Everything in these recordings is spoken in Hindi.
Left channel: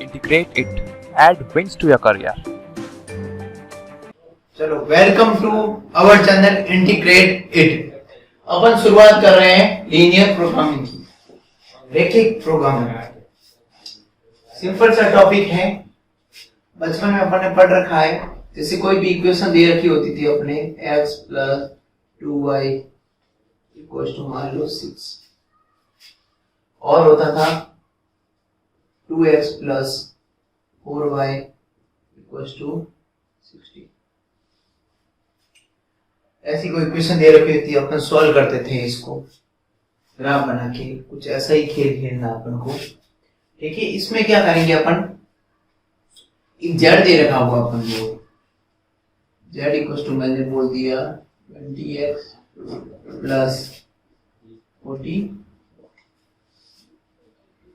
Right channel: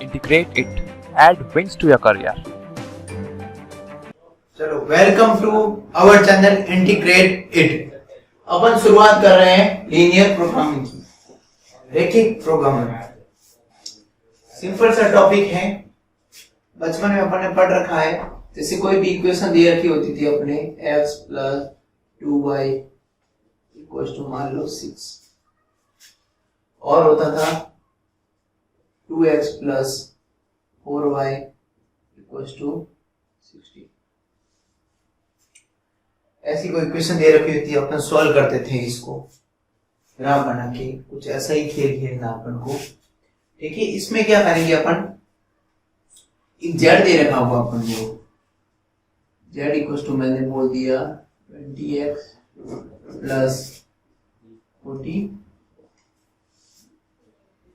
integrate it, add wins to your career. चलो welcome to our channel integrate it. अपन शुरुआत कर रहे हैं लीनियर प्रोग्रामिंग की, रैखिक प्रोग्रामिंग। सिंपल सा टॉपिक है, बचपन में अपन ने पढ़ रखा है। जैसे कोई भी इक्वेशन दे रखी होती थी अपने x plus 2y equals to मान लो 6, और होता था 2x plus 4y equals to 60। ऐसी कोई इक्वेशन दे रखी होती है, अपन सॉल्व करते थे इसको ग्राफ बना के। कुछ ऐसा ही खेल खेलना अपन को, ठीक है। इसमें क्या करेंगे अपन, एक जेड दे रखा हुआ अपन को, जेड इक्वल टू मैंने बोल दिया 20x प्लस 40।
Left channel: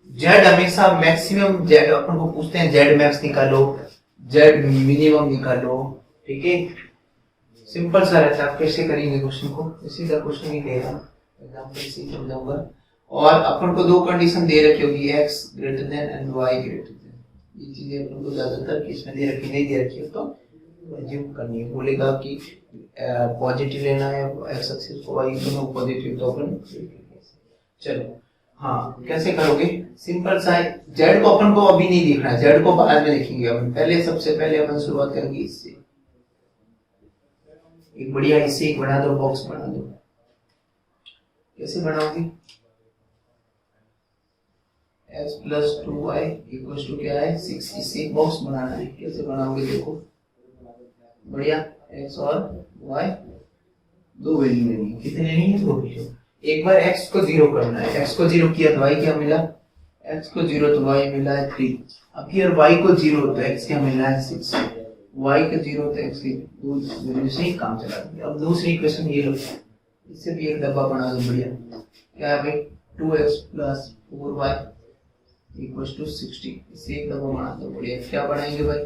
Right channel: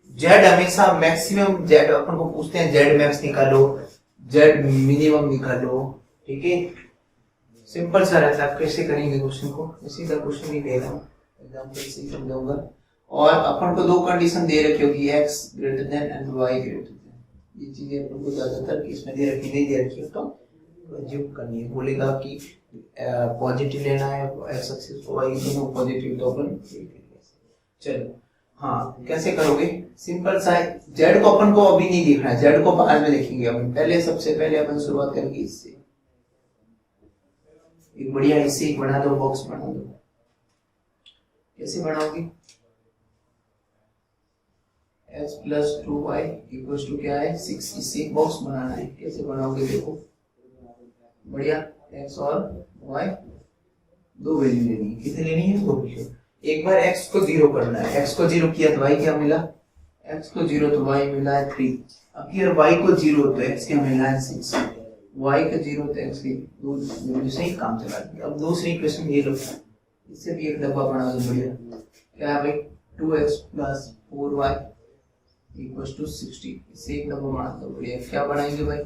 जेड हमेशा मैक्सिमम, जेड अपन को पूछते हैं जेड मैक्स निकालो, जेड मिनिमम निकालो, ठीक है। सिंपल सा रहता है। आप कैसे करेंगे क्वेश्चन को, इसी का क्वेश्चन ही ले रहा हूँ, एग्जांपल से ही समझाऊंगा। और अपन को दो कंडीशन दे रखी होगी, x greater than and y greater then. ये चीजें अपन को ज्यादातर केस में दे रखी, नहीं दे रखी हो तो अज्यूम करनी है। बोलेगा कि पॉजिटिव लेना है x एक्सिस को, y दोनों पॉजिटिव, तो अपन चलो हाँ कैसे करोगे, सिंपल सा है। z को अपन को अभी नहीं देखना है, z को बाद में देखेंगे अपन। पहले सबसे पहले अपन शुरुआत करेंगे इससे, एक बढ़िया इससे एक बना दो, बॉक्स बना दो। कैसे बनाओगे, x plus 2y equals to क्या है 6, इससे एक बॉक्स बनाना है। कैसे बनाओगे देखो, बढ़िया, x और y दो वैल्यू लेनी है। कितनी लेनी है, दो वैल्यू। एक बार x को 0 करना है, x को 0 किया तो y क्या मिला, x को 0 तो y मिला है 3। अब की y को 0 तो x क्या मिला है 6, y का 0 तो x की दो वैल्यू से ही काम चला दिया। अब दूसरी इक्वेशन ये लो, इससे भी एक डब्बा बना दो, बढ़िया। क्या है भाई, 2x plus 4y equals to 60, इससे एक डब्बा बना दो, बढ़िया। क्या बनाएंगे भाई,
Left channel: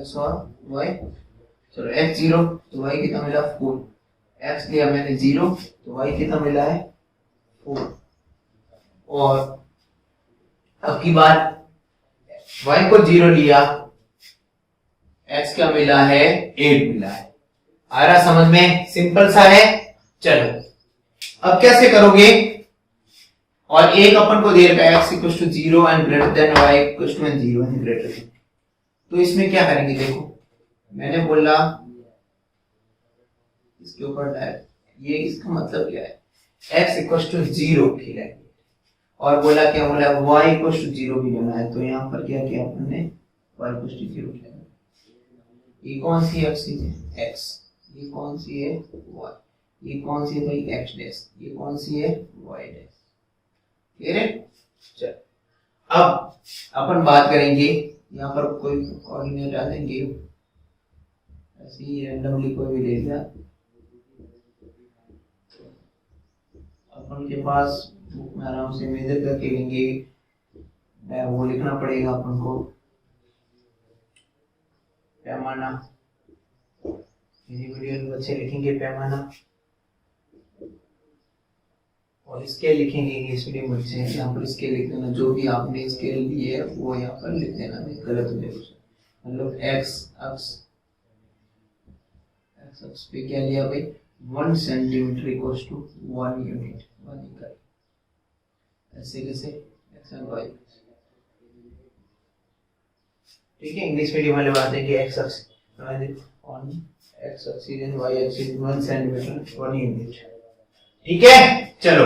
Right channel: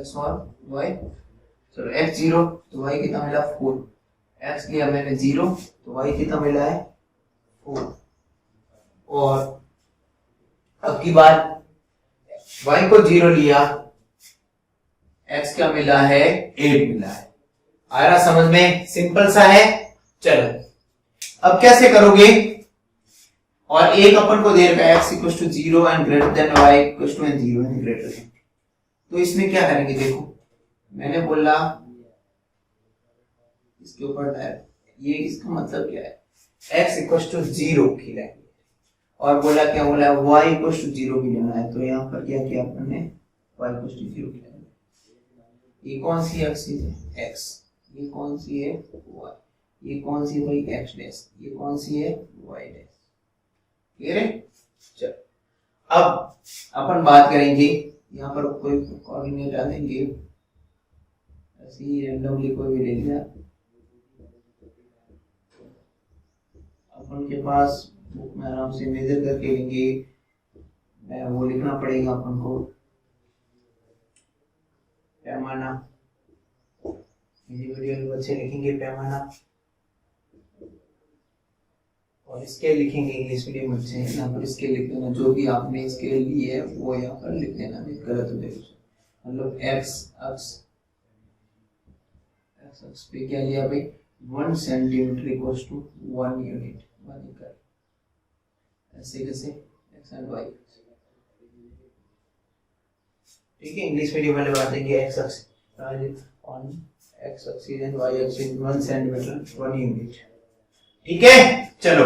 x और y। चलो x 0 तो y कितना मिला 4, x लिया मैंने 0 तो y कितना मिला है 4। और अब की बात, y को 0 लिया, x क्या मिला है 8 मिला है। आ रहा समझ में, सिंपल सा है। चलो अब कैसे करोगे, और एक अपन को दे रखा है x equal to 0 and greater than y equal to 0 and greater than. तो इसमें क्या करेंगे देखो, मैंने बोला इसके ऊपर डायरेक्ट, ये इसका मतलब क्या है, x इक्वल टू 0 खिलाएंगे, और बोला क्या बोला y इक्वल टू 0 भी लेना है। तो यहाँ पर क्या किया अपन ने, y इक्वल टू 0 खिलाएंगे। ये कौन सी एक्सिस है x, ये कौन सी है y, ये कौन सी है भाई x डैश, ये कौन सी है y डैश। क्लियर है। चल अब अपन बात करेंगे, यहाँ पर कोई कोऑर्डिनेट डालेंगे, ऐसे ही रैंडमली कोई भी ले लिया। अपन के पास बुक में आराम से मेजर करके लेंगे, वो लिखना पड़ेगा अपन को पैमाना। वीडियो में बच्चे लिखेंगे पैमाना, और स्केल लिखेंगे इंग्लिश मीडियम बच्चे। यहाँ पर स्केल लिख देना, जो भी आपने स्केल ली है वो यहाँ पर लिख देना, नहीं गलत हो जाएगा। मतलब x अक्ष पे क्या लिया भाई, 1 सेंटीमीटर इक्वल्स टू 1 यूनिट, 1 इकाई। ऐसे कैसे x एंड y, ठीक है। इंग्लिश मीडियम वाले बात है कि x अक्ष on x axis and y axis 1 centimetre 1 unit, ठीक है। चलो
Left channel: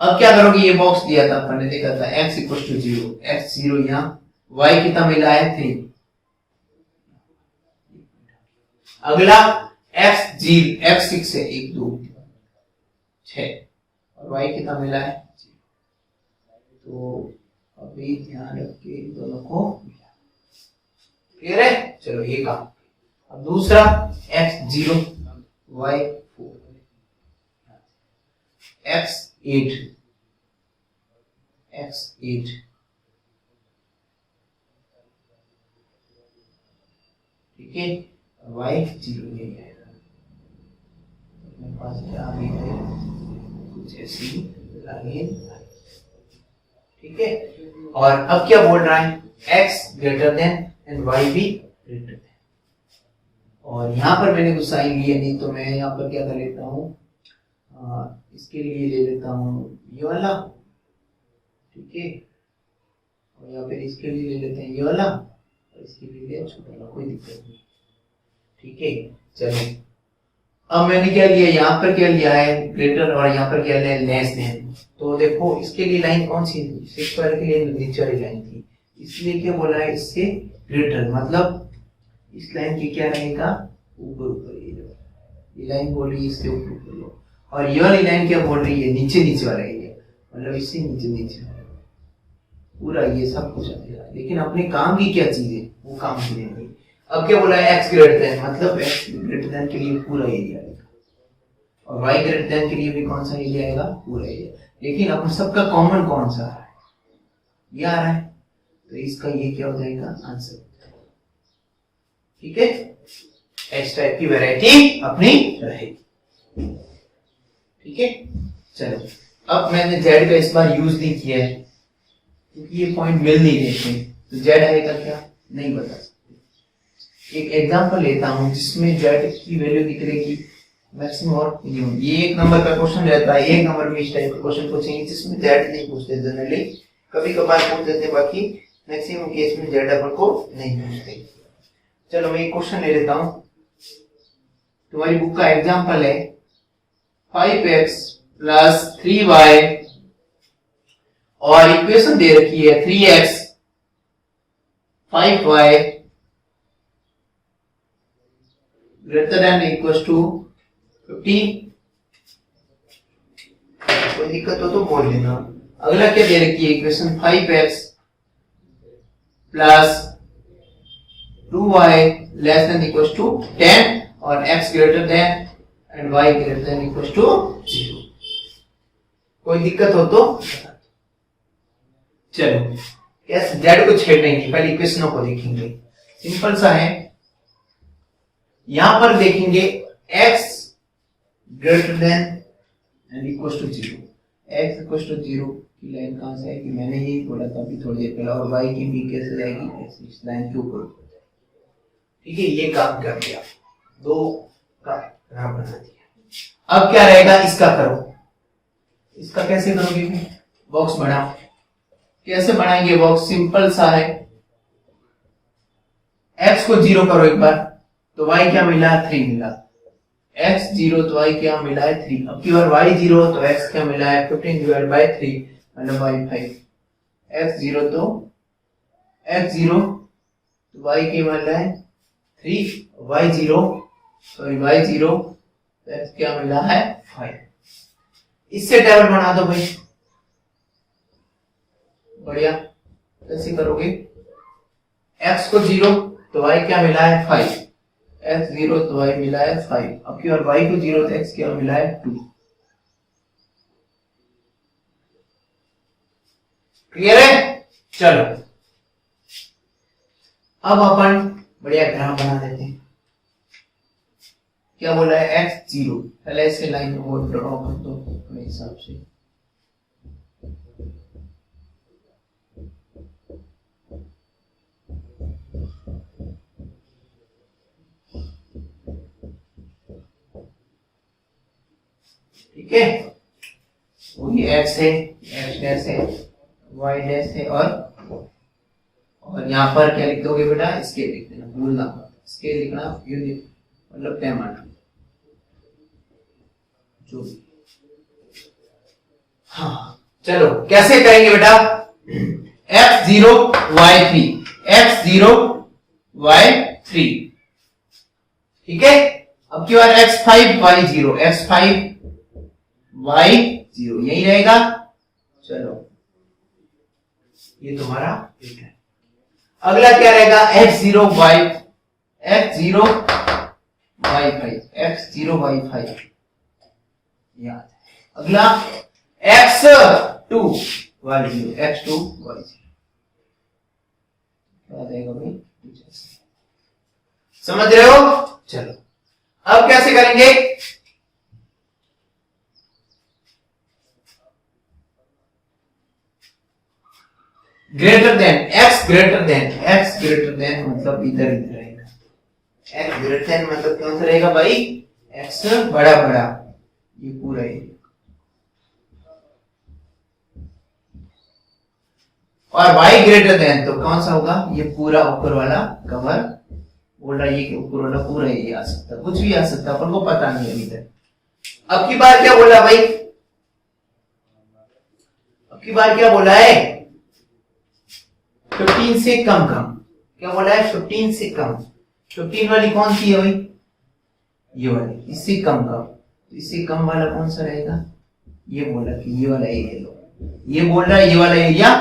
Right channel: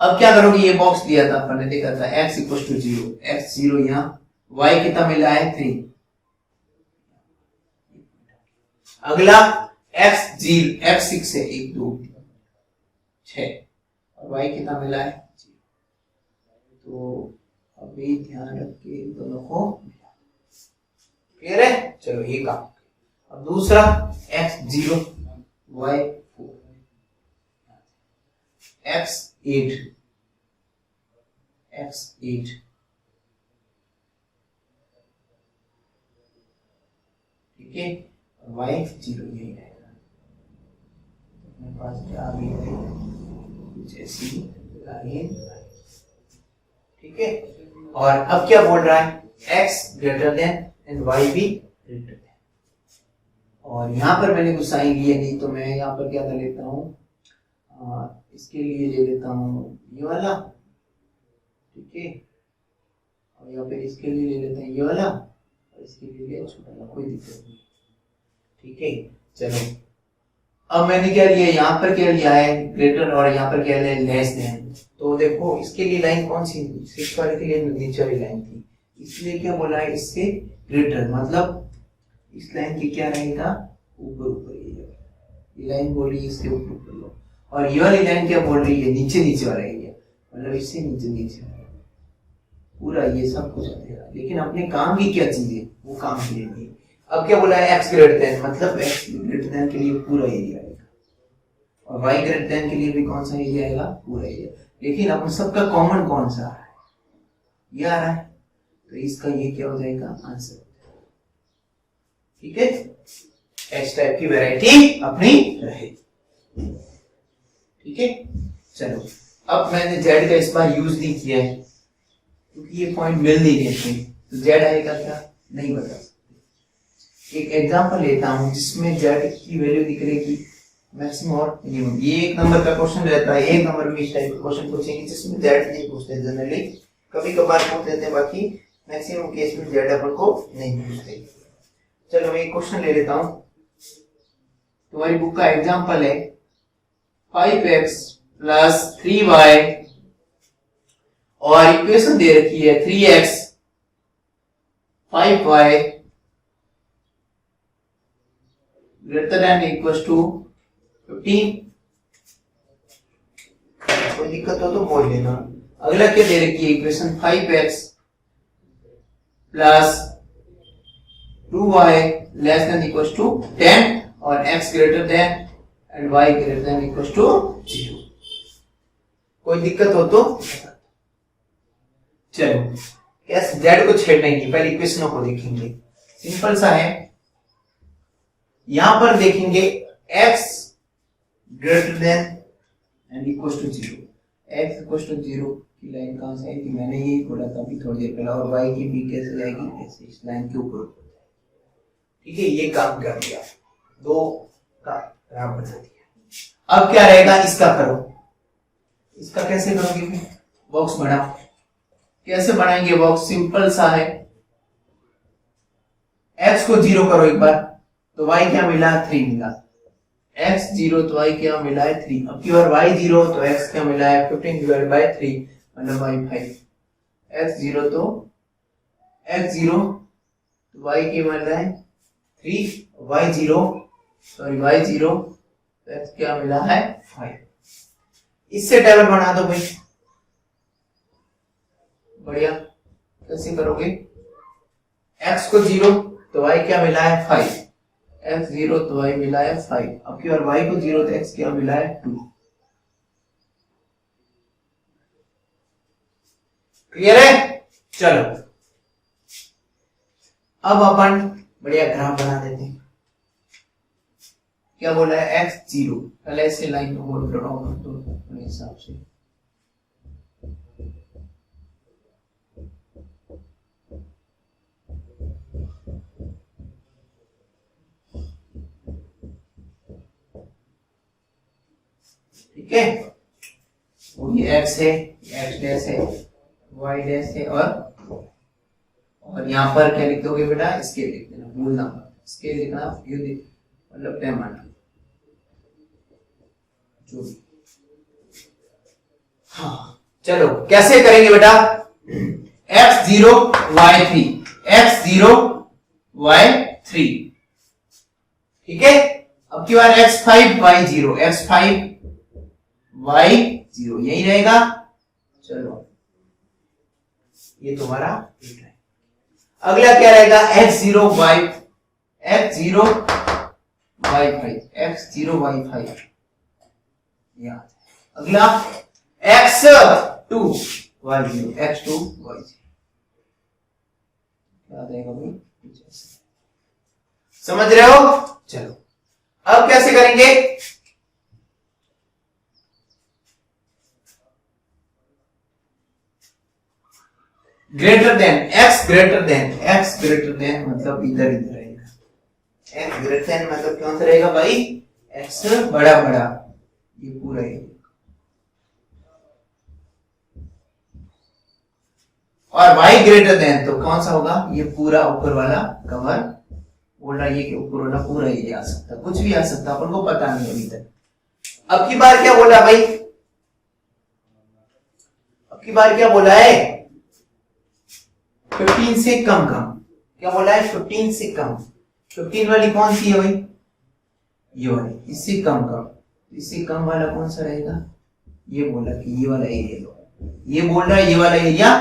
अब क्या करोगे, ये बॉक्स दिया था अपन ने, देखा था x इक्वल टू 0, x 0 यहाँ, y कितना मिला है 3। अगला x 0, x 6 है 1 2 6, और y कितना मिला है 0। तो अभी ध्यान रख के इन दोनों को, क्लियर है। चलो ये काम। अब दूसरा x 0 y 4, x 8, x 8, ठीक है। y 0 यही आएगा। अपने पास क्या आ गई है, कुछ ऐसी लाइन। ठीक है। और अब क्या बोल रहा है, x greater than and y भी ग्रेटर देन। और यहाँ पर मैंने कुछ साइन लिया नहीं, तो मैं यहाँ पर क्या कर लेता हूँ, इसके लिए ले लेता हूँ ये वाला, ठीक है। और यहाँ पे इसके लिए ले लेते हैं ये वाला, और इसके लिए ले छोटा वाला, कोई दिक्कत नहीं, ठीक है। चलो अब मैंने क्या लिया, यहाँ पर क्या लिया है ग्रेटर, और यहाँ पर क्या लिया है लेस देन। तो देखो इसके लिए लाइन कौन सी थी, सिक्स वाले के लिए नीचे वाली लाइन थी, इसलिए क्या बोला है इससे ग्रेटर, मतलब इस लाइन के क्या रहेगा ऊपर ऊपर, ये लाइन बोल रही है इसके ऊपर ऊपर लो, और ये वाली लाइन क्या बोल रही है नीचे नीचे वाला एरिया, मतलब इससे नीचे नीचे पूरा ये सब कुछ आएगा। लेकिन अपने काम की क्या चीज है, वो काम की नहीं। अब क्या बोला है एक्स ग्रेटर देन, मतलब एक्स ग्रेटर देन के लिए पूरा एरिया आएगा, और वाई ग्रेटर देन के लिए भी कौन सा एरिया आएगा, पूरा एरिया। लेकिन अपन सबका कॉमन कौन सा आ रहा है, ये आ रहा है, तो इसका ये क्या हो जाएगा आंसर, ठीक है। एच टाइप की वैरायटी अपनी रहेगी, ठीक है। चलो अब मैंने जेड का इस बार यूज नहीं किया है, क्योंकि ये पॉइंट मिल नहीं रहे थे, तो जेड आएगा क्या नहीं बता सकते। एक एग्जांपल लेता हूं जिसमें जेड की वैल्यू दिख रहेगी मैक्सिमम और मिनिमम। ये एक नंबर का क्वेश्चन रहता है, एक नंबर में इस टाइप का क्वेश्चन पूछेंगे जिसमें जेड नहीं पूछते जनरली, कभी कभार पूछ देते हैं, बाकी मैक्सिमम केस में जेड अपन को नहीं पूछते। चलो मैं एक क्वेश्चन ले लेता हूं, तुम्हारी बुक का एग्जांपल है 5x प्लस 3y, और इक्वेशन दे रखी है 3x 5y greater than equal to 15। कोई दिक्कत हो तो बोल लेना। अगला क्या दे रखी है equation 5x plus 2y less than equal to 10, और x greater than and y greater than equal to 0। कोई दिक्कत हो तो चलो यस जेड को छेड़ेंगे, पहले इक्वेशनों को देखेंगे, सिंपल सा है। यहां पर देखेंगे x greater than and equal to 0, x equal to 0 की लाइन कहां से आएगी, मैंने यही बोला था अभी थोड़ी देर पहले, और y की भी कैसे जाएगी, ऐसे इस लाइन के ऊपर, ठीक है। ये काम कर दिया, दो का ग्राफ बना दिया। अब क्या रहेगा, इसका करो, इसका कैसे करोगे, बॉक्स बनाओ। कैसे बनाएंगे बॉक्स, सिंपल सा है, x को 0 करो एक बार, तो y क्या मिला, 3 मिला, x 0 तो y क्या मिला है 3। अब की बार y 0 तो x क्या मिला है 15 डिवाइड बाय 3 मतलब y 5। x 0 तो x 0 तो y क्या मिला है 3, y 0 सॉरी y 0 तो x क्या मिला है 5। इससे टेबल बना दो भाई, बढ़िया। कैसे करोगे, x को 0 तो y क्या मिला है 5, x 0 तो y मिला है 5, अब की बार y को 0 तो x क्या मिला है 2। क्लियर है, चलो अब अपन बढ़िया ग्राफ बना देते हैं। क्या बोला है x 0, पहले ऐसे लाइन और ड्रॉ कर दो अपने हिसाब से, ठीक है। वही x है, x डैश है, y डैश है, और यहाँ पर क्या लिख दोगे बेटा, स्केल लिख देना, भूलना मत, स्केल लिखना यूनिट मतलब पैमाना जो भी। हाँ चलो कैसे करेंगे बेटा, x0 y3, x0 y3, ठीक है। अब की बार x5 y0, x5 y0 यही रहेगा। चलो ये तुम्हारा ठीक है। अगला क्या रहेगा x0 y5, याद। अगला x2 y0, x2 y0 याद आएगा भाई, समझ रहे हो। चलो अब कैसे करेंगे, greater than, x greater than मतलब इधर इधर रहेगा। एक्स ग्रेटर देन मतलब कौन सा रहेगा भाई? एक्स बड़ा बड़ा, ये पूरा है। और y ग्रेटर देन तो कौन सा होगा? ये पूरा ऊपर वाला कवर बोल रहा है, ये ऊपर वाला पूरा ये आ सकता, कुछ भी आ सकता, अपन को पता नहीं अभी तक। अब की बार क्या बोला भाई? अब की बार क्या बोला है? 15 से कम कम। क्या बोला है? 15 से कम। 15 वाली कौन सी है भाई? ये वाली। इससे कम कम, इससे कम वाला कौन सा रहेगा? ये बोला कि ये वाला एरिया लो, ये बोल रहा है ये वाला एरिया,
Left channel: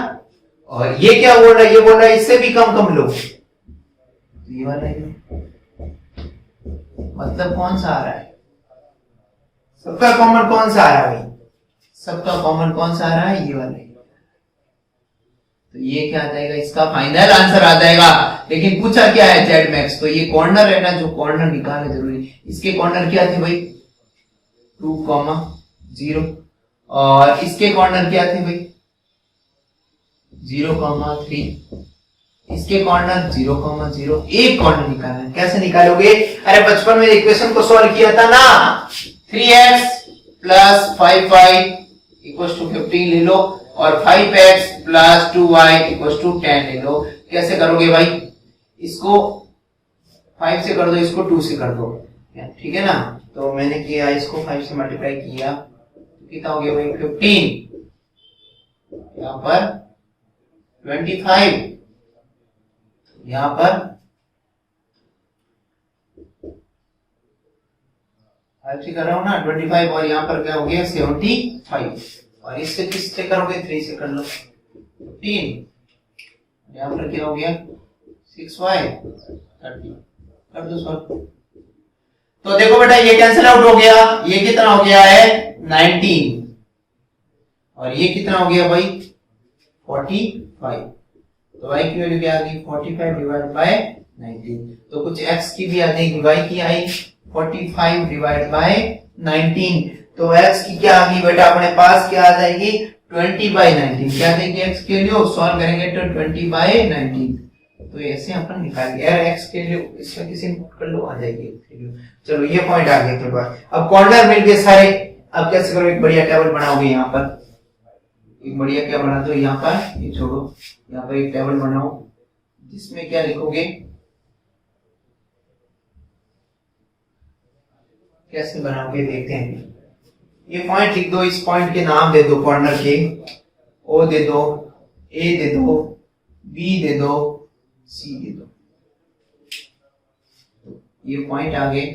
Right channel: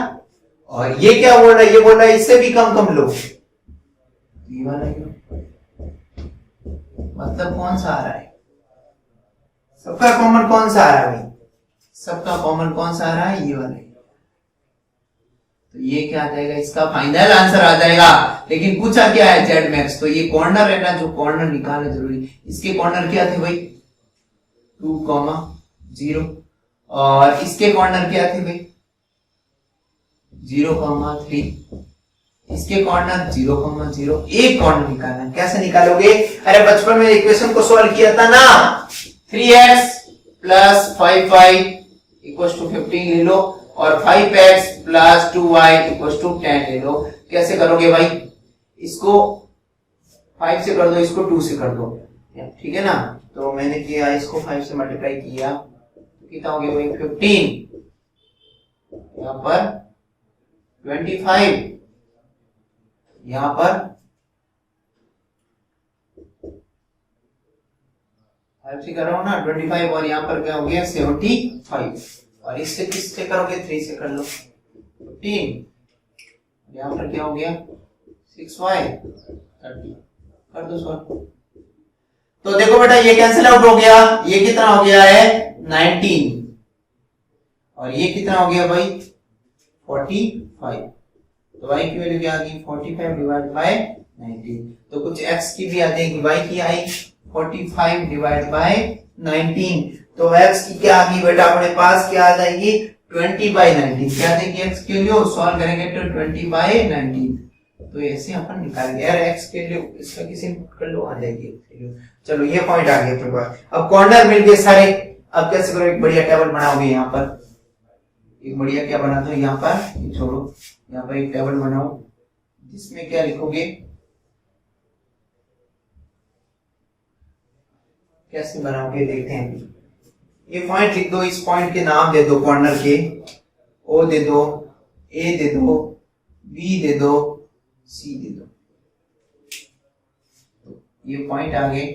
और ये क्या बोल रहा है? ये बोल रहा है इससे भी कम कम लो, ये वाला एरिया। मतलब कौन सा आ रहा है? सबका कॉमन कौन सा आ रहा है भाई? सबका कॉमन कौन सा आ रहा है? ये वाला। तो ये क्या आ जाएगा? इसका फाइनल आंसर आ जाएगा। लेकिन पूछा क्या है? Z max. तो ये कॉर्नर है ना, जो कॉर्नर निकालना जरूरी। इसके कॉर्नर क्या थे भाई? 2,0, और इसके कॉर्नर क्या थे भाई? 0,3। इसके कॉर्नर 0,0। एक कॉर्नर निकालना है। कैसे निकालोगे? अरे बचपन में इक्वेशन को सॉल्व किया था ना, 3x + 5y = 15 ले लो, और 5x + 2y = 10 ले लो। कैसे करोगे भाई? इसको 5 से कर दो, इसको 2 से कर दो, ठीक है ना। तो मैंने किया, इसको 5 से मल्टीप्लाई किया, कितना हो गया भाई? 15, यहां पर 25, यहां पर 5 से कर रहा हूं ना 25, और यहां पर क्या हो गया? 75। और इससे किससे करोगे? 3 से कर लो, 15, यहां पर क्या हो गया? 6y 30। कर दो सॉल्व। तो देखो बेटा, ये कैंसिल आउट हो गया। ये कितना हो गया है? 19, और ये कितना हो गया भाई? 45। तो y की वैल्यू क्या आ गई? 45 डिवाइड बाय 19। तो कुछ x की भी आ जाएगी, y की आई 45 डिवाइड बाय 19। तो x की क्या आ गई बेटा अपने पास? क्या आ जाएगी? 20/19। क्या देगी x के लिए? सॉल्व करेंगे तो 20/19। तो ऐसे अपन निकाल यार x के लिए, इसका किसी इनपुट कर लो, आ जाएगी। चलो ये पॉइंट आ गया अपने पास। अब कॉर्नर मिल गए सारे। अब कैसे करो? एक बढ़िया टेबल बनाओगे यहाँ पर, एक बढ़िया क्या बना दो यहाँ पर, ये छोड़ो, यहाँ पर एक टेबल बनाओ जिसमें क्या लिखोगे? कैसे बनाओगे देखते हैं। ये पॉइंट लिख दो, इस पॉइंट के नाम दे दो कॉर्नर के। ओ दे दो, ए दे दो, बी दे दो, सी दे दो। ये पॉइंट आ गए।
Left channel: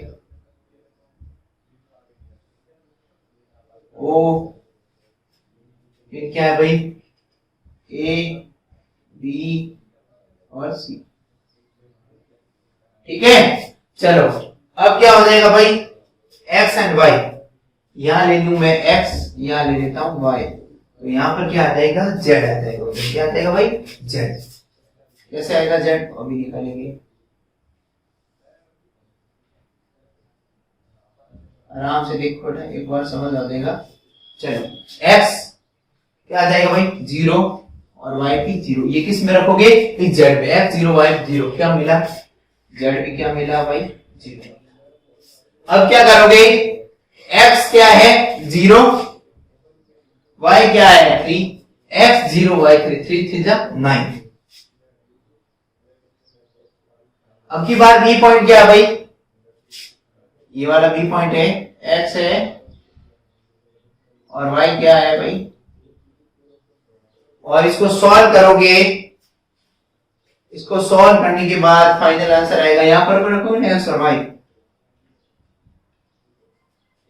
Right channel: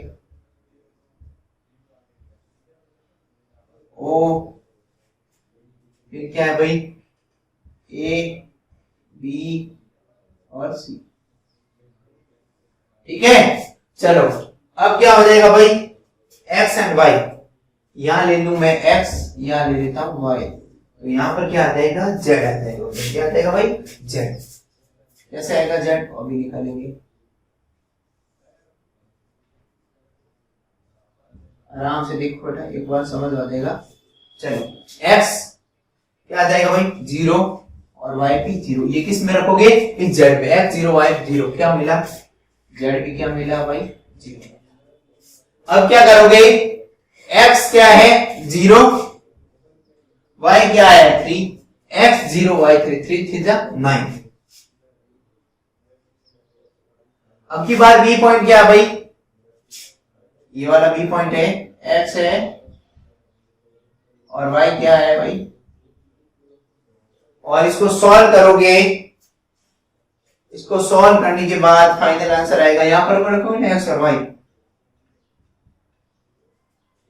ओ, फिर क्या है भाई? ए, बी और सी, ठीक है। चलो अब क्या हो जाएगा भाई? एक्स एंड वाई, यहां ले लू मैं x, यहां ले लेता हूं y। तो यहां पर क्या आ जाएगा? z आ जाएगा। तो क्या आ जाएगा भाई? z। कैसे आएगा z? अभी निकालेंगे, आराम से देखो बेटा, एक बार समझ आ जाएगा। चलो x क्या आ जाएगा भाई? 0, और y भी 0। ये किस में रखोगे? इस z पे। x 0 y 0, क्या मिला? z भी क्या मिला भाई? 0। अब क्या करोगे? x क्या है? 0, y क्या है? 3। x 0 y 3, 3 3 जा 9। अब की बार बी पॉइंट क्या है भाई? ये वाला बी पॉइंट है, x है, और y क्या है भाई? और इसको सॉल्व करोगे, इसको सॉल्व करने के बाद फाइनल आंसर आएगा। यहां पर रखोगे x और y,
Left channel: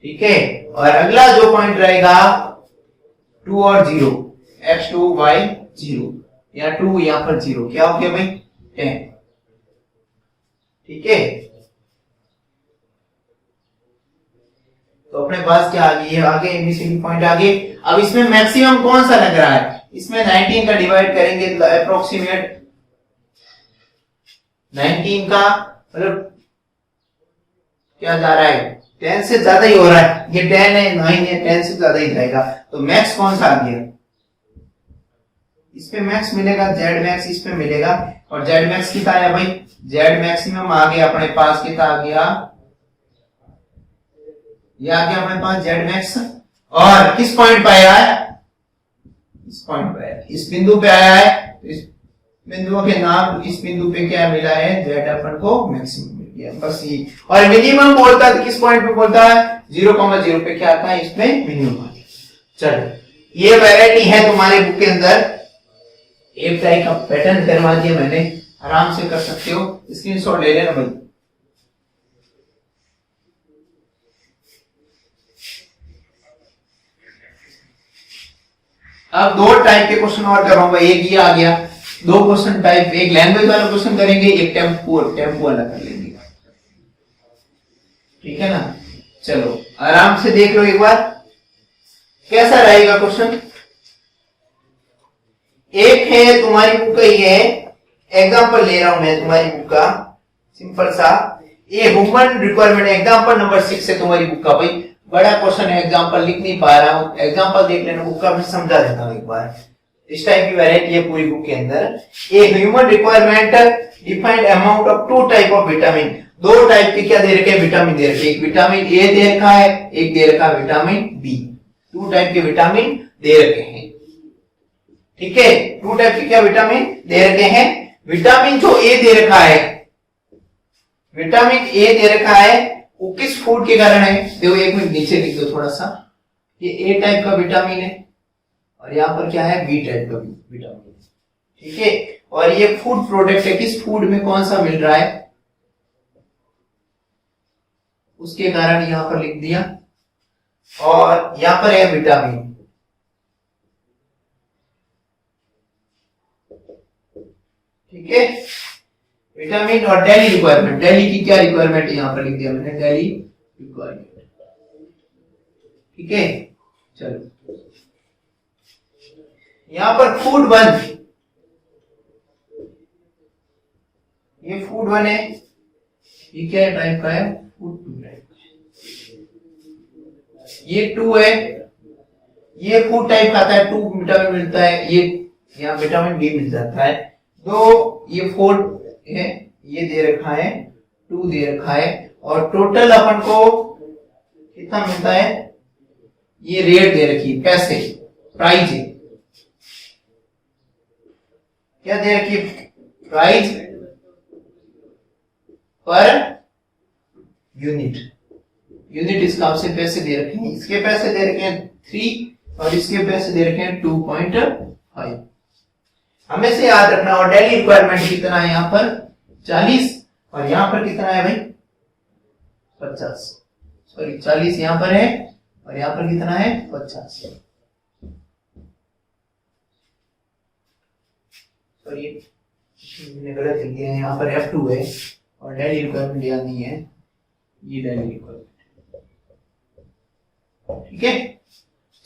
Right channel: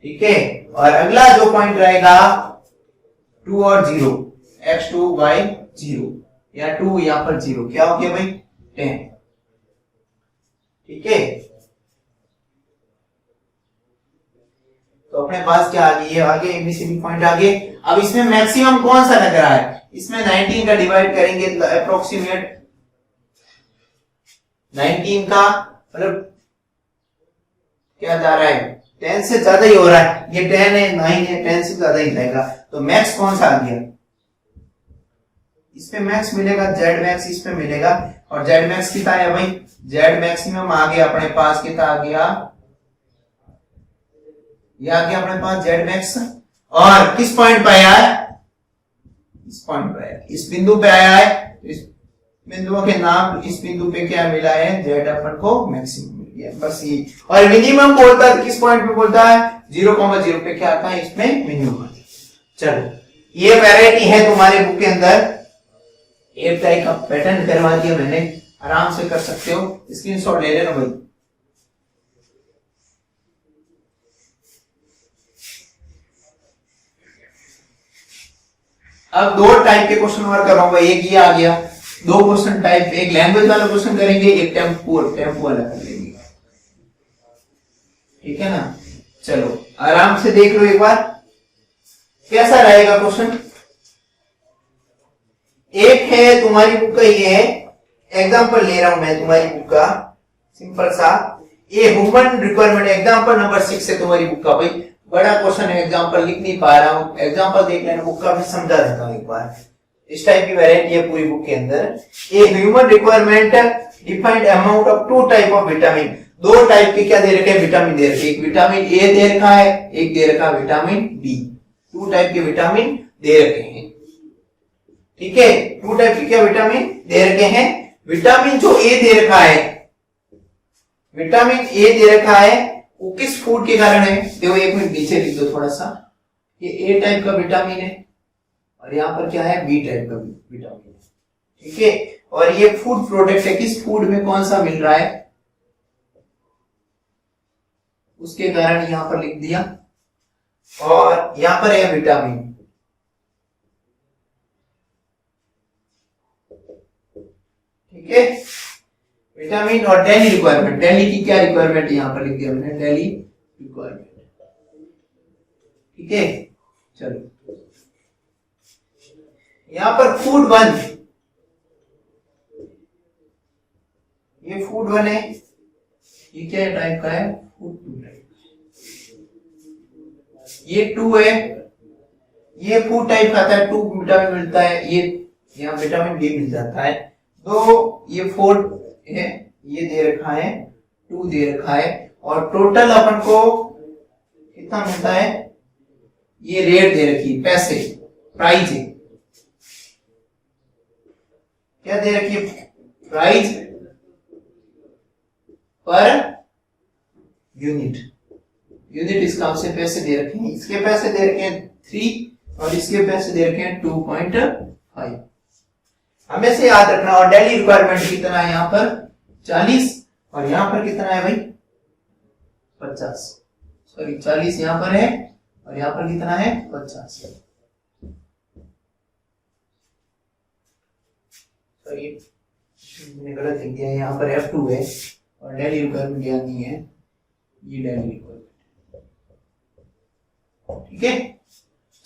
ठीक है। और अगला जो पॉइंट रहेगा 2 और 0, x2 y 0, या 2 यहां पर 0, क्या हो गया भाई? 10, ठीक है। तो अपने पास क्या आ गई है? आगे एबीसीडी पॉइंट आगे। अब इसमें मैक्सिमम कौन सा लग रहा है? इसमें 19 का डिवाइड करेंगे अप्रोक्सीमेट 19 का मतलब क्या जा रहा है? 10 से ज्यादा ही हो रहा है। ये 10 है, 9 है, 10 से ज्यादा ही जाएगा। तो मैक्स कौन सा आ गया? इसमें मैक्स मिलेगा, जेड मैक्स इसमें मिलेगा, और जेड मैक्स कितना है भाई, जेड मैक्सिमम आ गया अपने पास, कितना आ गया, ये आ गया अपने पास जेड मैक्स, और किस पॉइंट पे आया है, इस पॉइंट पे आया, इस बिंदु पे आया है, तो इस बिंदुओं के नाम, इस बिंदु पे क्या मिला है, जेड अपन को मैक्सिमम मिल गया, बस ये। और मिनिमम बोलता है किस पॉइंट पे बोलता है, 0,0 पे क्या आता है, इसमें मिनिमम। चलो ये वैरायटी है तुम्हारे बुक के अंदर, एक टाइप का पैटर्न करवा दिया मैंने, आराम से कर सकते हो, स्क्रीनशॉट ले लेना भाई। अब दो टाइप के क्वेश्चन और करवाऊंगा, एक ये आ गया, दो क्वेश्चन टाइप, एक लैंग्वेज वाला क्वेश्चन करेंगे, एक टेम्पो वाला कर लेंगे, ठीक है ना। चलो आराम से देख लो एक बार कैसा रहेगा क्वेश्चन। एक है तुम्हारी बुक का, ये है एग्जांपल ले रहा हूं मैं तुम्हारी बुक का, सिंपल सा, ये ह्यूमन रिक्वायरमेंट एग्जांपल नंबर 6 है तुम्हारी बुक का। भाई बड़ा क्वेश्चन है, एग्जांपल लिख नहीं पा रहा हूं, एग्जांपल देख लेना बुक का, मैं समझा देता हूं एक बार। इस टाइप की वैरायटी है पूरी बुक के अंदर। A human requirement defined amount of two type of vitamin, दो टाइप के क्या दे रखे हैं, विटामिन दे रखे, एक विटामिन ए दे रखा है, एक दे रखा है विटामिन बी, टू टाइप के विटामिन दे रखे हैं, ठीक है। टू टाइप के क्या विटामिन दे रखे हैं, विटामिन जो ए दे रखा है, विटामिन ए दे रखा है, वो किस फूड के कारण है, देखो एक मिनट नीचे लिख दो थोड़ा सा, ये ए टाइप का विटामिन है, और यहां पर क्या है, बी टाइप का विटामिन, ठीक है। और ये फूड प्रोडक्ट है, किस फूड में कौन सा मिल रहा है, उसके कारण यहां पर लिख दिया, और यहां पर है विटामिन, ठीक है, विटामिन। और डेली रिक्वायरमेंट, डेली की क्या रिक्वायरमेंट यहां पर लिख दिया मैंने, डेली रिक्वायरमेंट, ठीक है। चलो यहां पर फूड 1, ये फूड 1 है, ये क्या टाइप का है, फूड 2 टाइप, ये 2 है, ये फूड टाइप खाता है, 2 विटामिन मिलता है, ये यहाँ विटामिन बी मिल जाता है। तो ये 4 है, ये दे रखा है, 2 दे रखा है, और टोटल अपन को कितना मिलता है, ये रेट दे रखी है, पैसे, प्राइस है, क्या दे रखी है, प्राइस पर यूनिट, यूनिट इसका आपसे पैसे दे रखे हैं, इसके पैसे दे रखे हैं 3 और इसके पैसे दे रखे हैं 2.5, हमें से याद रखना। और डेली रिक्वायरमेंट कितना है यहाँ पर 40, और यहाँ पर कितना है भाई 50, सॉरी 40 यहाँ पर है, और यहाँ पर कितना है 50, सॉरी मैंने गलत लिख दिया है, यहाँ पर F2 है, और डेली रिक्वायरमेंट याद नहीं है, ये डेली रिक्वायरमेंट, ठीक है।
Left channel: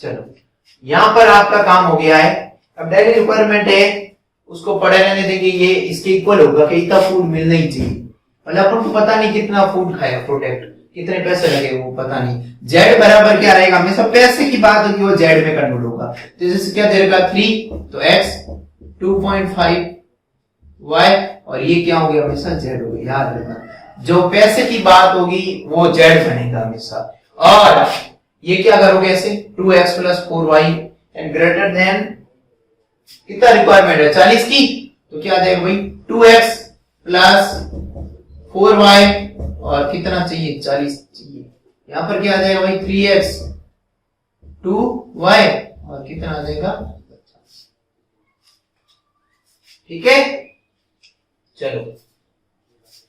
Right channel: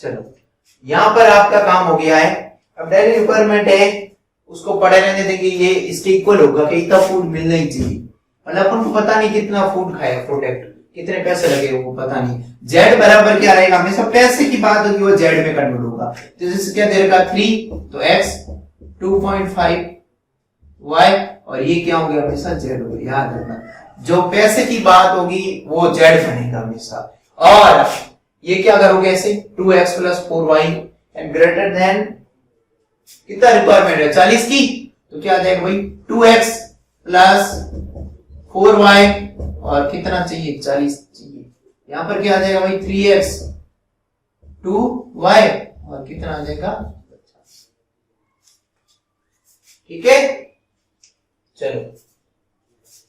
चलो यहां पर आपका काम हो गया है। अब डेली रिक्वायरमेंट है, उसको पढ़े रहने देखिए, ये इसके इक्वल होगा कि इतना फूड मिलना ही चाहिए, मतलब अपन को पता नहीं कितना फूड खाया, प्रोडक्ट कितने पैसे लगे वो पता नहीं, जेड बराबर क्या रहेगा, हमेशा पैसे की बात होगी वो जेड में कन्वर्ट होगा। तो जैसे क्या दे रखा 3, तो x 2.5 y, और ये क्या हो गया, हमेशा जेड हो गया, याद रखना जो पैसे की बात होगी वो जेड बनेगा हमेशा। और ये क्या करोगे ऐसे, 2x + 4y and greater then कितना रिक्वायरमेंट है 40 की, तो क्या आ जाएगा भाई 2x + 4y, और कितना चाहिए 40 चाहिए, यहां पर क्या आ जाएगा भाई 3x 2y, और कितना आ जाएगा 50, ठीक है। चलो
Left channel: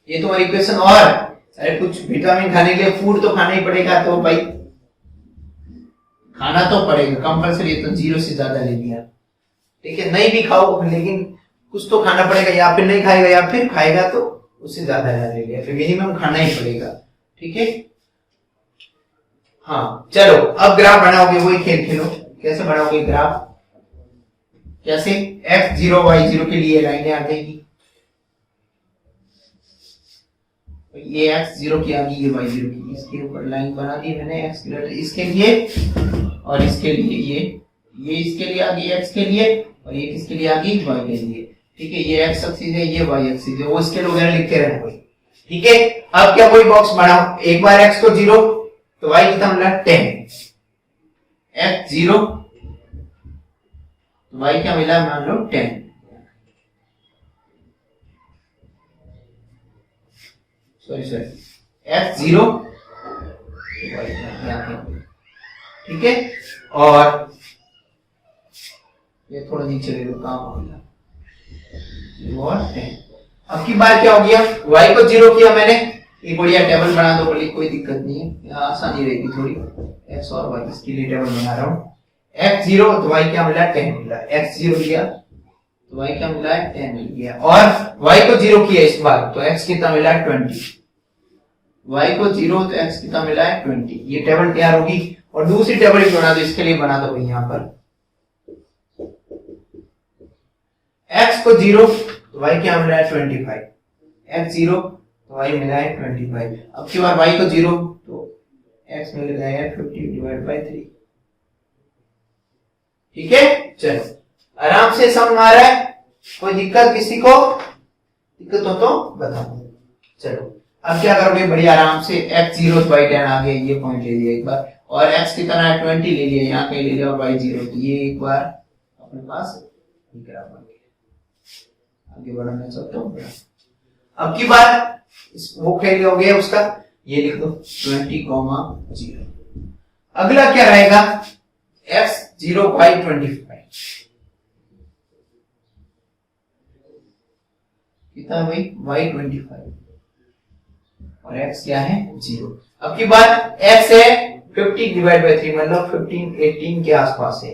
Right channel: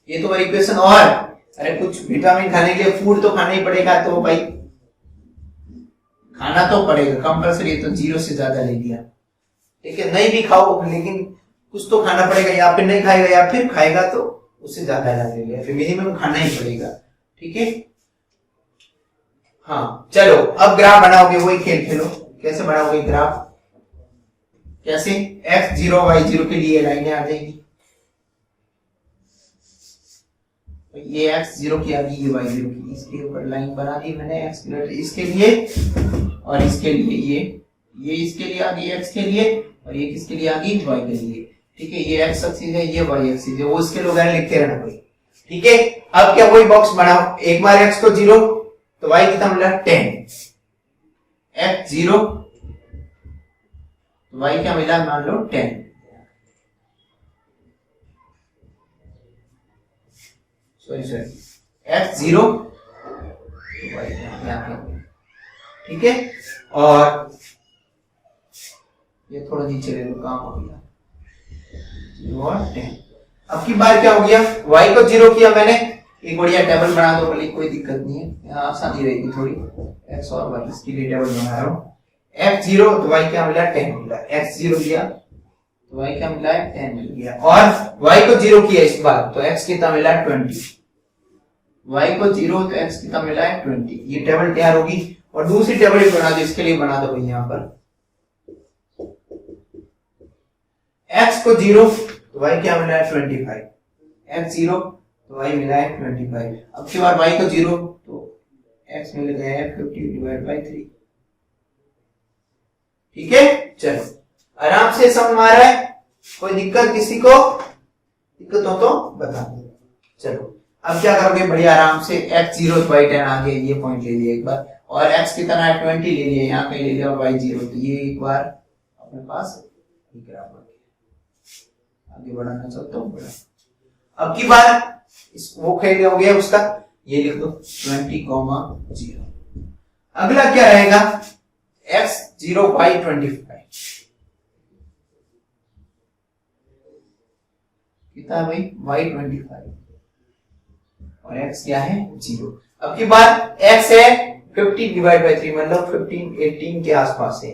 ये तुम्हारी इक्वेशन। और अरे कुछ विटामिन खाने के लिए फूड तो खाना ही पड़ेगा, तो भाई खाना तो पड़ेगा कंपल्सरी, तो 0 से ज्यादा ले लिया, ठीक है। नहीं भी खाओ लेकिन कुछ तो खाना पड़ेगा, या फिर नहीं खाएगा या फिर खाएगा तो उससे ज्यादा ले लिया, फिर मिनिमम खाना ही पड़ेगा, ठीक है। हाँ चलो अब ग्राफ बनाओगे, वही खेल खेलो, कैसे बनाओगे ग्राफ, कैसे x0 y0 के लिए लाइनें आ जाएगी, ये x0 की आ गई, ये y0 की, इसके ऊपर लाइन बना दी मैंने, x इसके लिए और इसके लिए ये इसके लिए आ गई x के लिए, और ये किसके लिए आ गई y के लिए। ठीक है, ये x एक्सिस है, ये y एक्सिस है, वो इसके लोग लिखते रहना कोई। ठीक है, अब क्या कोई बॉक्स बनाओ, एक बार x को 0 तो y कितना मिला 10, x 0 तो y क्या मिला मान लो 10, सॉरी x 0 तो y क्या है। ठीक है, और ये थोड़ा नीचे ले लो, काम हो गया 10। अब की बार क्या हो गया, y को 0 किया मैंने, एक बढ़िया टेबल बना दो बोली, कोई दिक्कत नहीं है, यहाँ आसानी रहेगी थोड़ी, x और y इसके लिए टेबल बना रहा हूँ। x 0 तो y क्या मिला 10 मिला, x 0 लिया तो y क्या मिला 10 मिल गया, और y को 0 किया इस बार तो x कितना मिला 20, y को 0 तो x कितना मिला 20। ये टेबल तैयार होगी, और दूसरी टेबल एक बना दो, इसके लिए बना दो भाई यहाँ पर x को 0 तो y क्या मिला है 25, x 0 तो y मिला है 25। अब की बार y को 0 तो x मिल गया है 50 डिवाइड बाय 3। ठीक है, चलो आराम से समझ आ रहा है, कोई दिक्कत किसी को, दिक्कत हो तो बता दो। चलो अब क्या करोगे, बड़ी आराम से x 0 तो y 10 आ गया, ये पॉइंट ले लिया एक बार, और x कितना है 20 ले लिया, यहाँ कहीं ले लिया, और y 0 तो ये एक बार अपने पास आगे बढ़ाना चाहता हूँ बड़ा। अब की बार वो खेल हो गया उसका, ये लिख दो 20, 0। अगला क्या रहेगा, x 0 y 25 कितना है भाई y 25, और x क्या है 0। अब की बार x है 50 डिवाइड बाय 3, मतलब 15 18 के आसपास है,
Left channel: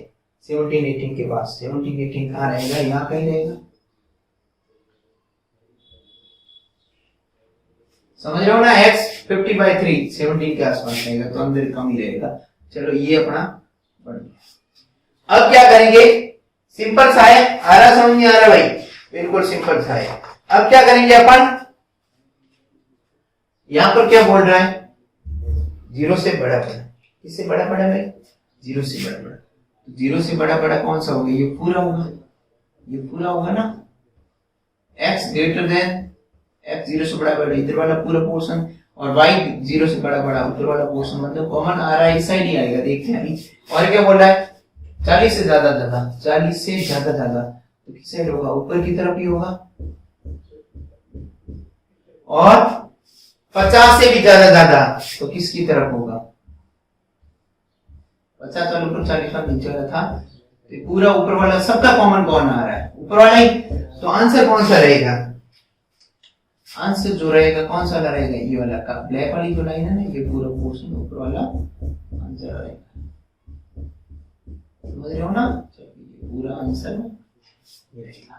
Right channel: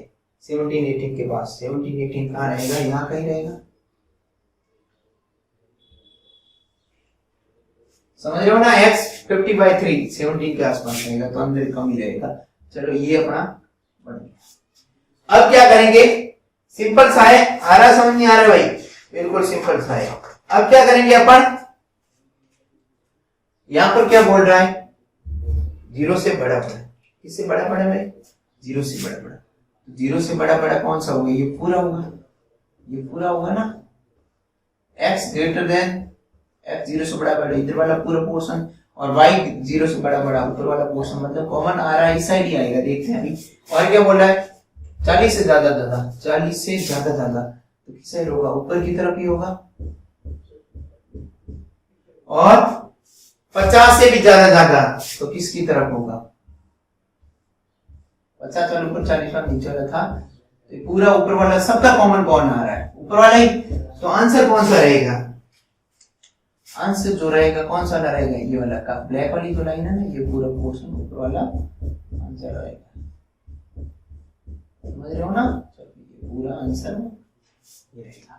17 18 के पास, 17 18 कहाँ रहेगा, यहाँ कहीं रहेगा, समझ रहे हो ना, x 50 बाय 3 17 के आसपास रहेगा, तो अंदर कम ही रहेगा। चलो ये अपना बन गया। अब क्या करेंगे, सिंपल सा है, आ रहा समझ नहीं आ रहा भाई, बिल्कुल सिंपल सा है। अब क्या करेंगे अपन, यहां पर क्या बोल रहा है 0 से बड़ा बड़ा, किससे बड़ा बड़ा भाई 0 से बड़ा बड़ा, 0 से बड़ा बड़ा कौन सा होगा, ये पूरा होगा, ये पूरा होगा ना, x ग्रेटर देन x 0 से बड़ा बड़ा इधर वाला पूरा पोर्शन, और y 0 से बड़ा बड़ा ऊपर वाला पोर्शन, मतलब कॉमन आ रहा है इस साइड ही आएगा, देखते हैं अभी। और क्या बोल रहा है 40 से ज्यादा ज्यादा, 40 से ज्यादा ज्यादा तो किस साइड होगा, ऊपर की तरफ ही होगा, और 50 से भी ज्यादा ज्यादा तो किसकी तरफ होगा, 50 वाला ऊपर 40 वाला नीचे वाला था, तो पूरा ऊपर वाला सबका कॉमन कौन आ रहा है, ऊपर वाला ही, तो आंसर कौन सा रहेगा, आंसर जो रहेगा कौन सा रहेगा, ये वाला का ब्लैक वाली जो लाइन है ना, ये पूरा पोर्शन ऊपर वाला आंसर रहेगा, समझ रहे हो ना, ये पूरा आंसर ये रहेगा।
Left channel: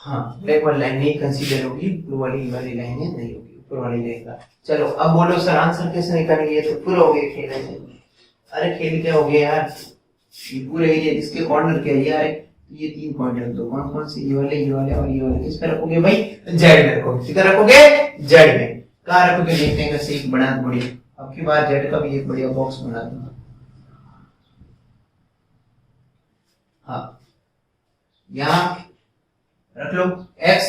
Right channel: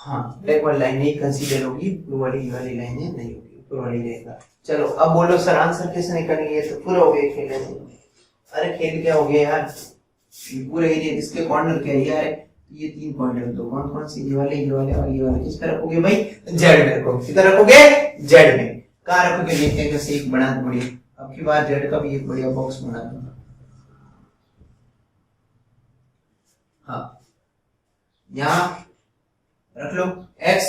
हाँ, ब्लैक वाली लाइन नहीं कंसीडर होगी, ब्लू वाली लाइन नहीं होगी, ऊपर वाली रहेगा। चलो अब बोलो सर आंसर कैसे निकालेंगे, ये तो पूरा हो गया खेल ऐसे, अरे खेल क्या हो गया यार, ये पूरे एरिया इसके कॉर्नर क्या है यार, ये 3 पॉइंट रख दो, कौन कौन से, ये वाले और ये वाले, किस पे रखोगे भाई, जेड में रखोगे, किधर रखोगे जेड में, कहाँ रखोगे देखते हैं, कैसे एक बना बढ़िया, अब की बार जेड का भी एक बढ़िया बॉक्स बना दूंगा। हाँ, यहाँ रख लो x,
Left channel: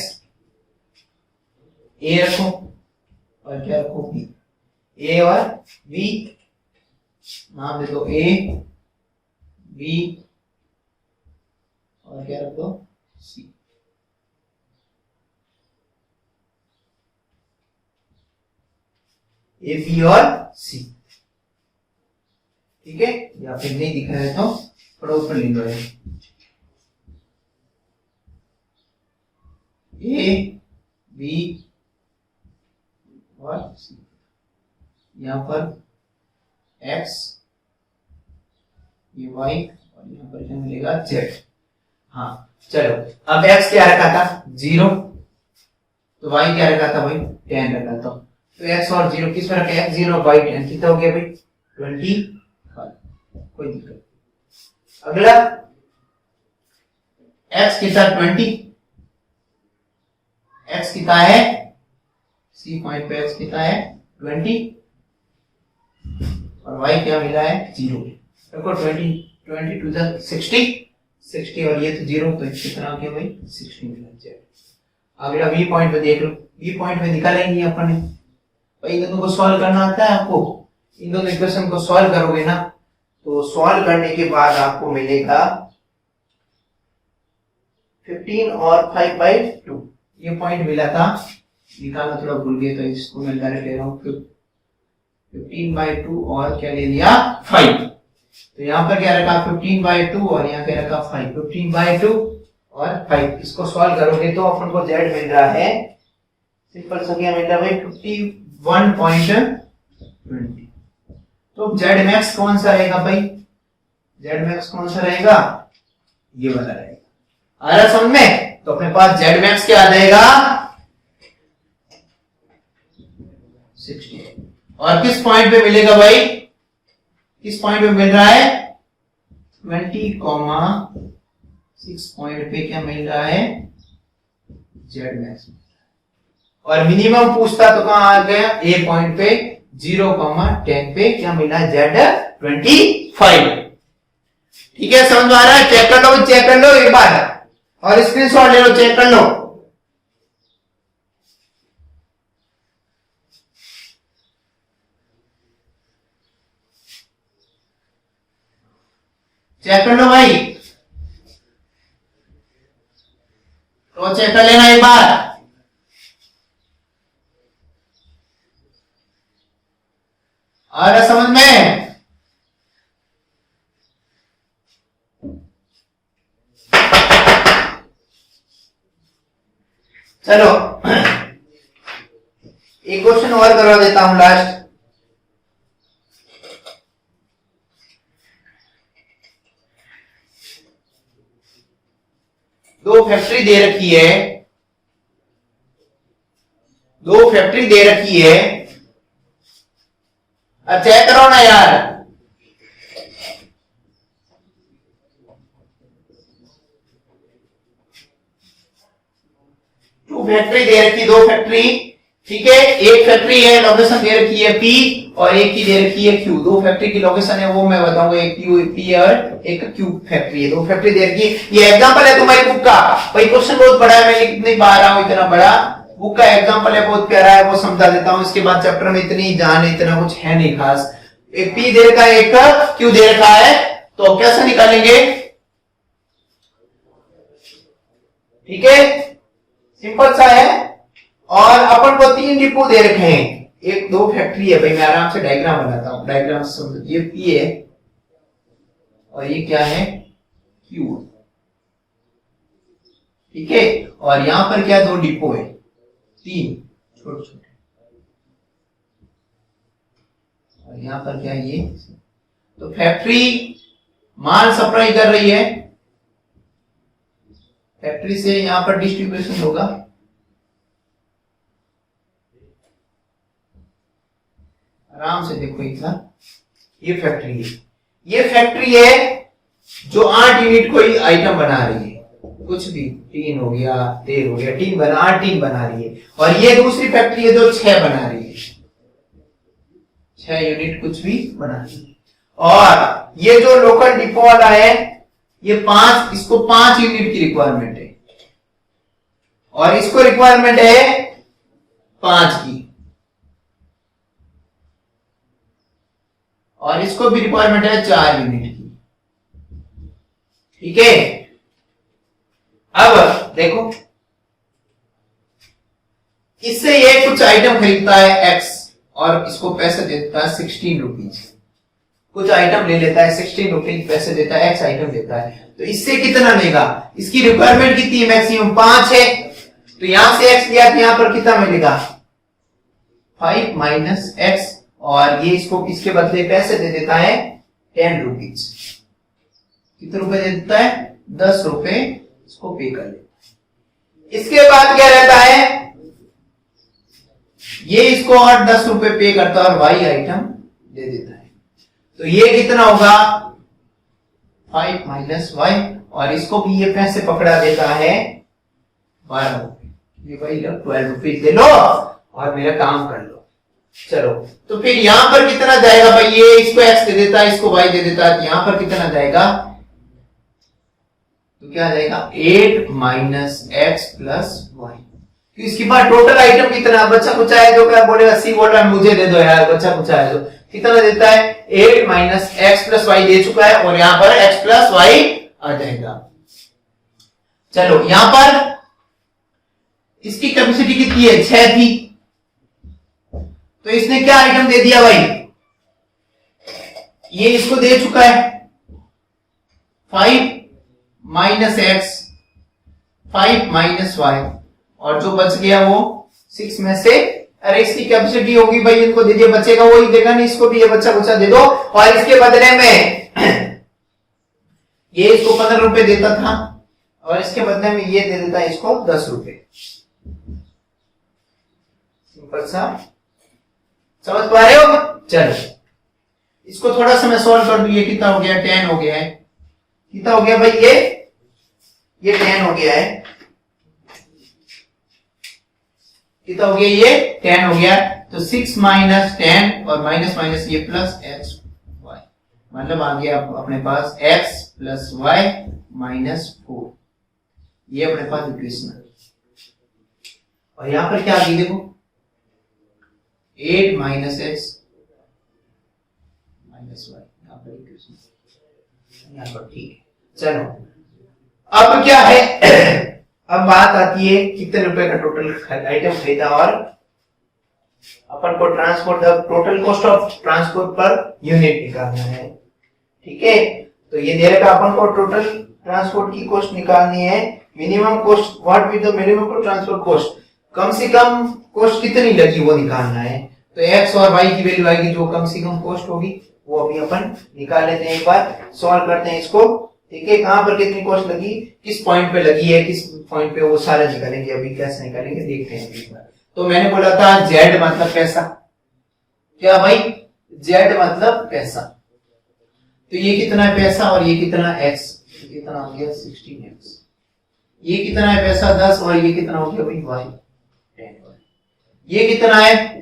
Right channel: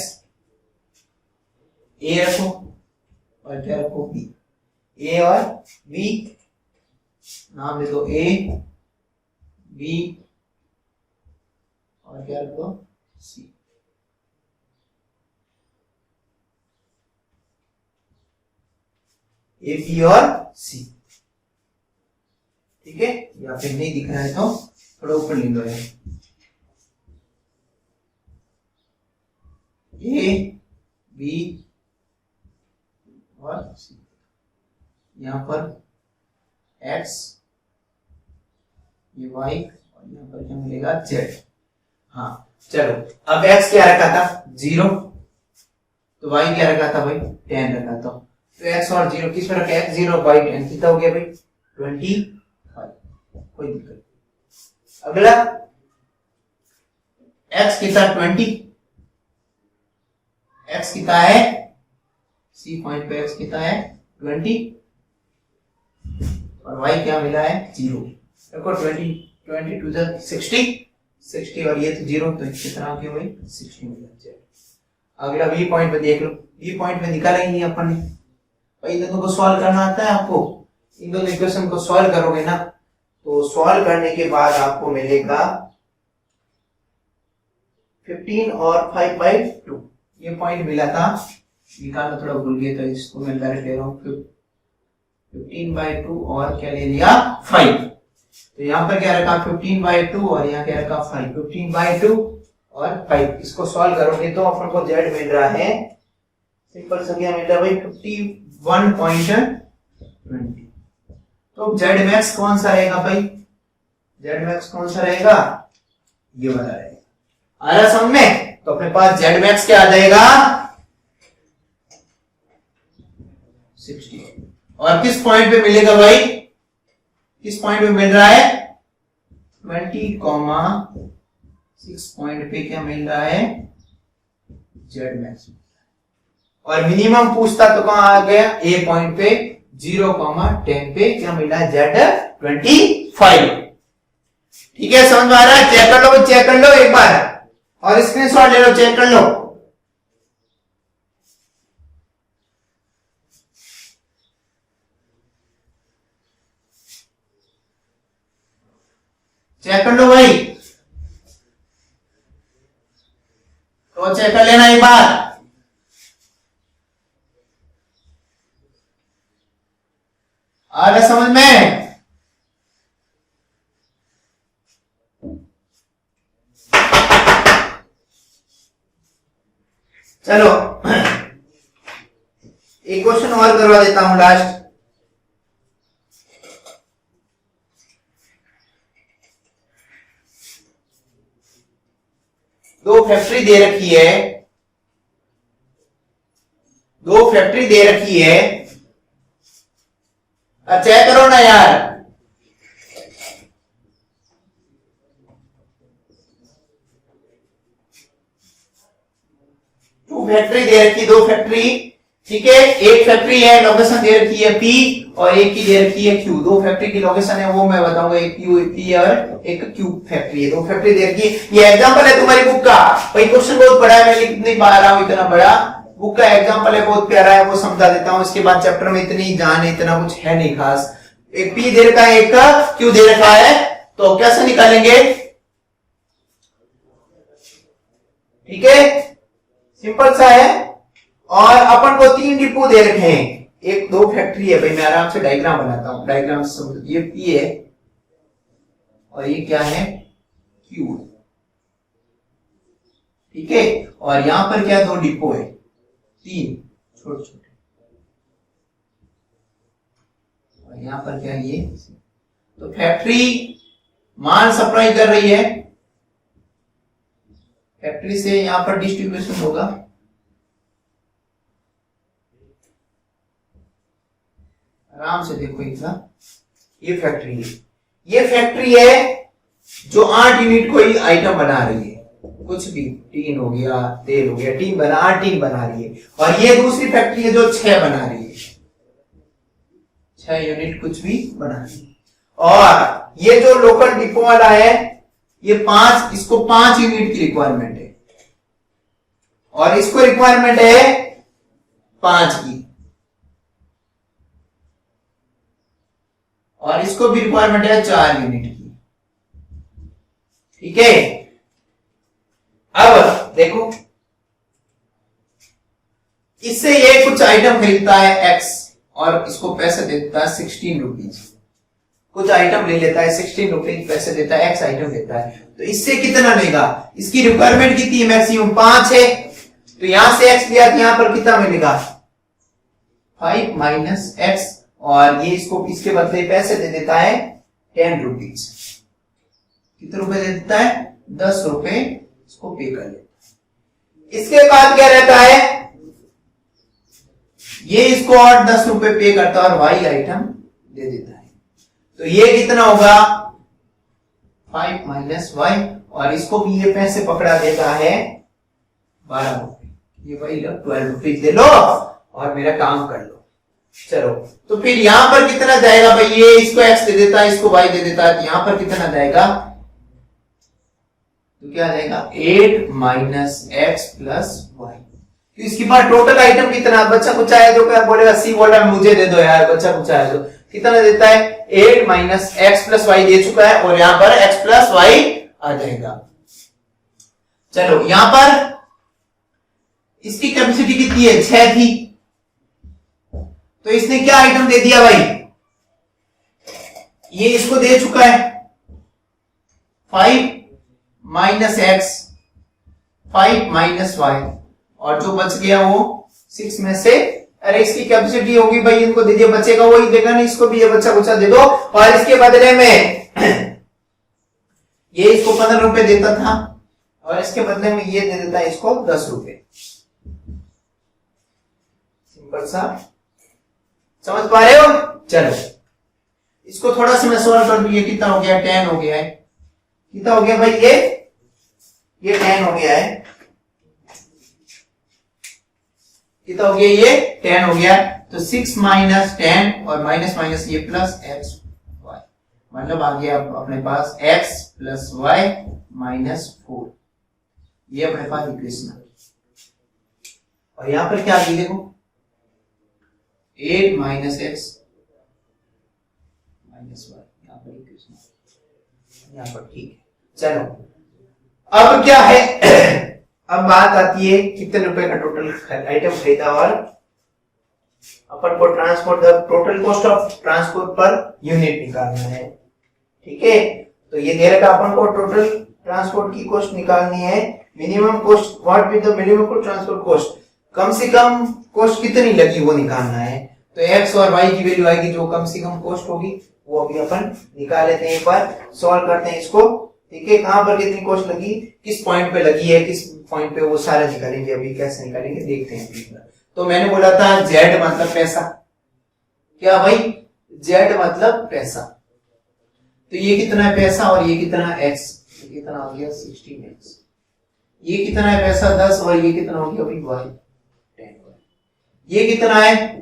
a रखो, और क्या रखो b, a और b, नाम दे दो a b, और क्या रखो c, a b और c। ठीक है, या फिर नहीं दिख रहा है तो थोड़ा ऊपर ले लो, ए बी और सी, यहाँ पर x, ये y, और यहाँ पर क्या मिलेगा z। हाँ चलो, अब x क्या रखा था 0, तो y क्या रखा था भाई 10 रखा था, तो x और 0 किस में रखा, x 0 और y 10, कितना हो गया भाई 25, कोई दिक्कत। अगला x कितना 20, x कितना है, सी पॉइंट पे x कितना है 20, और y क्या मिला है 0, देखो 20 20 टू द 60 और ये तो 0, तो कितना हो गया भाई 16 मिला जेड। अगला बी पॉइंट पे देख लो, बी पॉइंट पे निकाला ही नहीं अपन ने भाई। इन दोनों को सॉल्व करना आता है आपको, इन दोनों इक्वेशन को सॉल्व करोगे ना तो सॉल्व करने के बाद आपको मिलेगा 15 और 5/2 ये पॉइंट मिला था, निकालना थोड़ा भूल गया तो इसको मैं डायरेक्ट ले रहा हूँ 15/2 और क्या ले लिया 5, तो यहाँ पर क्या रखा 15/2 और यहाँ क्या रखा 5, 15/2 और 5। इसको सॉल्व करोगे तो अपन को z मिल रहा है, सिंपल सा क्या मिल रहा है भाई 51.20। तो z मैक्स कौन सा रहेगा भाई, z मैक्स कौन सा रहेगा ये वाला रहेगा। आ रहा समझ में, तो अपने पास z मैक्स क्या आ जाएगा 60। और किस पॉइंट पे मिलेगा भाई, किस पॉइंट पे मिल रहा है 20,6 पॉइंट पे क्या मिल रहा है z मैक्स। और मिनिमम पूछता तो कहां आ गया ए पॉइंट पे 0,10 पे क्या मिला Z25। ठीक है समझ में आ रहा है, चेक कर लो, चेक कर लो एक बार और स्क्रीनशॉट ले लो, चेक कर लो। चेक कर लो भाई, तो चेक कर लेना एक बार। आ रहा समझ में, चलो एक क्वेश्चन और करवा देता हूं लास्ट। दो फैक्ट्री दे रखी है, दो फैक्ट्री दे रखी है, अब चेक करो ना यार। टू फैक्ट्री दे रखी, दो फैक्ट्री, ठीक है। एक फैक्ट्री है लोकेशन दे रखी है P और एक की दे रखी है Q। दो फैक्ट्री की लोकेशन है वो मैं बताऊंगा, एक P और एक Q फैक्ट्री है, दो फैक्ट्री दे रखी है। ये एग्जांपल है तुम्हारी बुक का भाई, क्वेश्चन बहुत बड़ा है, मैं कितनी बार रहा हूं, इतना बड़ा बुक का एग्जांपल है, बहुत प्यारा है, वो समझा देता हूं। इसके बाद चैप्टर में इतनी जान है, इतना कुछ है नहीं खास। एक P दे रखा है, एक Q दे रखा है, तो कैसे निकालेंगे, ठीक है सिंपल सा है। और अपन को तीन डिपो दे रखे हैं, एक दो फैक्ट्री है भाई, मैं आराम से डायग्राम बनाता हूं, डायग्राम से समझो। ये P है और ये क्या है Q, ठीक है। और यहां पर क्या दो डिपो है, तीन छोटे छोटे, और यहां पर क्या ये, तो फैक्ट्री माल सप्लाई कर रही है, फैक्ट्री से यहां पर डिस्ट्रीब्यूशन होगा। आराम से देखो इतना, ये फैक्ट्री है, ये फैक्ट्री है जो 8 यूनिट कोई आइटम बना रही है, कुछ भी टीन हो गया, तेल हो गया, टीन बना 8 टीन बना रही है। और ये दूसरी फैक्ट्री है जो 6 बना रही है, 6 यूनिट कुछ भी बना रही है। और ये जो लोकल डिपो वाला है ये 5, इसको 5 यूनिट की रिक्वायरमेंट है और इसको रिक्वायरमेंट है 5 की, और इसको भी रिक्वायरमेंट है 4 यूनिट की, ठीक है। अब देखो, इससे ये कुछ आइटम खरीदता है X और इसको पैसे देता है 16 रुपीज, कुछ आइटम ले लेता है 16 रुपीज पैसे देता है, X आइटम देता है, तो इससे कितना लेगा, इसकी रिक्वायरमेंट कितनी है, मैक्सिमम 5 है, तो यहां से X लिया, यहां पर कितना मिलेगा 5 माइनस X, और ये इसको इसके बदले पैसे दे देता है 10 रुपीज, कितने रुपए दे देता है 10 रुपए, इसको पे कर लेता है। इसके बाद क्या रहता है, ये इसको और 10 रुपए पे करता है और Y आइटम दे देता है, तो ये कितना होगा 5 माइनस Y, और इसको भी ये पैसे पकड़ा देता है 12 रुपए, ये भाई लो 12 रुपीज दे लो और मेरा काम कर लो, चलो तो फिर यहां पर कितना जाएगा भाई, ये इसको x दे देता है, इसको y दे देता है, तो यहां पर कितना जाएगा, तो क्या जाएगा 8 माइनस एक्स प्लस वाई। तो इसके बाद टोटल आइटम कितना, बच्चा कुछ आया जो क्या बोलेगा, सी बोल रहा है मुझे दे दो यार, बच्चा कुछ आया जो कितना देता है 8 minus x plus why they चुका है, और यहां पर x प्लस वाई आ जाएगा। चलो यहां पर इसकी कैपेसिटी कितनी है, 6 थी, तो इसने क्या आइटम दे दिया भाई, ये इसको दे चुका है 5 माइनस एक्स 5 माइनस वाई, और जो बच गया वो 6 में से, अरे इसकी कैपेसिटी होगी भाई, इनको दीजिए, बचेगा वही देगा ना, इसको भी ये बच्चा कुछ दे दो, और इसके बदले में ये इसको 15 रुपए देता था, और इसके बदले में ये दे देता है इसको 10 रुपए। सिंपल सा, समझ पा रहे हो। चलो इसको थोड़ा सा मैं सॉल्व कर दूं, ये कितना हो गया 10 हो गया है, कितना हो गया भाई, ये 10 हो गया है, कितना हो गया, ये 10 हो गया, तो 6 माइनस 10 और माइनस माइनस ये प्लस एक्स वाई, मतलब आ गया अपने पास x प्लस वाई माइनस 4, ये अपने पास इक्वेशन है। और यहां पर क्या आ गई देखो 8 माइनस एक्स माइनस वाई, यहां पर इक्वेशन यहां पर, ठीक है। चलो अब क्या है अब बात आती है कितने रुपए का टोटल आइटम खरीदा, और अपन को transport total cost of transport per unit निकालना है, ठीक है। तो ये दे रखा अपन को टोटल ट्रांसपोर्ट की कॉस्ट निकालनी है, minimum cost, what with the minimum transport cost, कम से कम कॉस्ट कितनी लगी वो निकालना है। तो x और y की वैल्यू आएगी, जो कम से कम कॉस्ट होगी वो अभी अपन निकाल लेते हैं, एक बार सॉल्व करते हैं इसको, ठीक है। कहां पर कितनी कॉस्ट लगी, किस पॉइंट पे लगी है, किस पॉइंट पे, वो सारा निकालेंगे, अभी कैसे निकालेंगे देखते हैं। तो मैंने बोला था z मतलब पैसा, क्या भाई, z मतलब पैसा, तो ये कितना है पैसा और ये कितना है x, तो कितना हो गया 16x, ये कितना है पैसा 10 और ये कितना हो गया भाई y 10, ये कितना है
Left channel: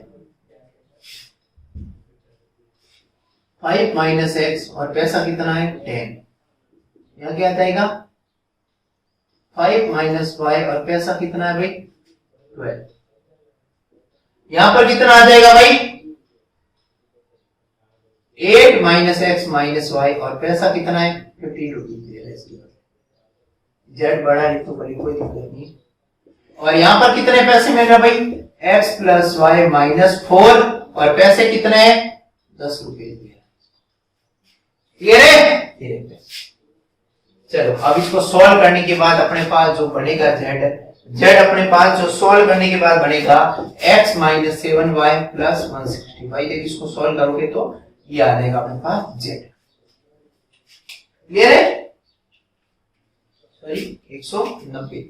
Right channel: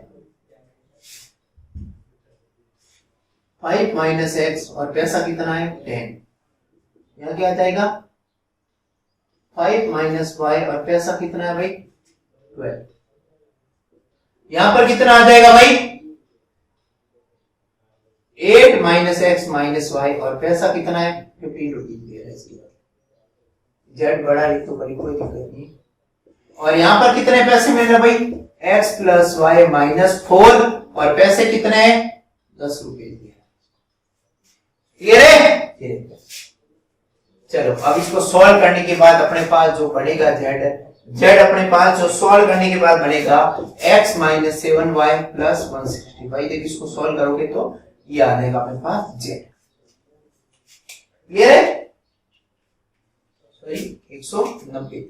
5 माइनस एक्स और पैसा कितना है 10, यहां क्या आएगा 5 माइनस वाई और पैसा कितना है भाई 12, यहां पर कितना आ जाएगा भाई 8 माइनस एक्स माइनस वाई और पैसा कितना है 15 रुपीज दे रहा है, इसके बाद जेड बड़ा है तो बड़ी कोई दिक्कत नहीं। और यहां पर कितने पैसे मिल रहे भाई x प्लस वाई माइनस 4 और पैसे कितने हैं 10 रुपए दिए, क्लियर है। चलो अब इसको सॉल्व करने के बाद अपने पास जो बनेगा z अपने पास जो सॉल्व करने के बाद बनेगा x माइनस 7y प्लस 160। भाई देखिए इसको सॉल्व करोगे तो ये आ जाएगा अपने पास z, क्लियर है, सॉरी 190,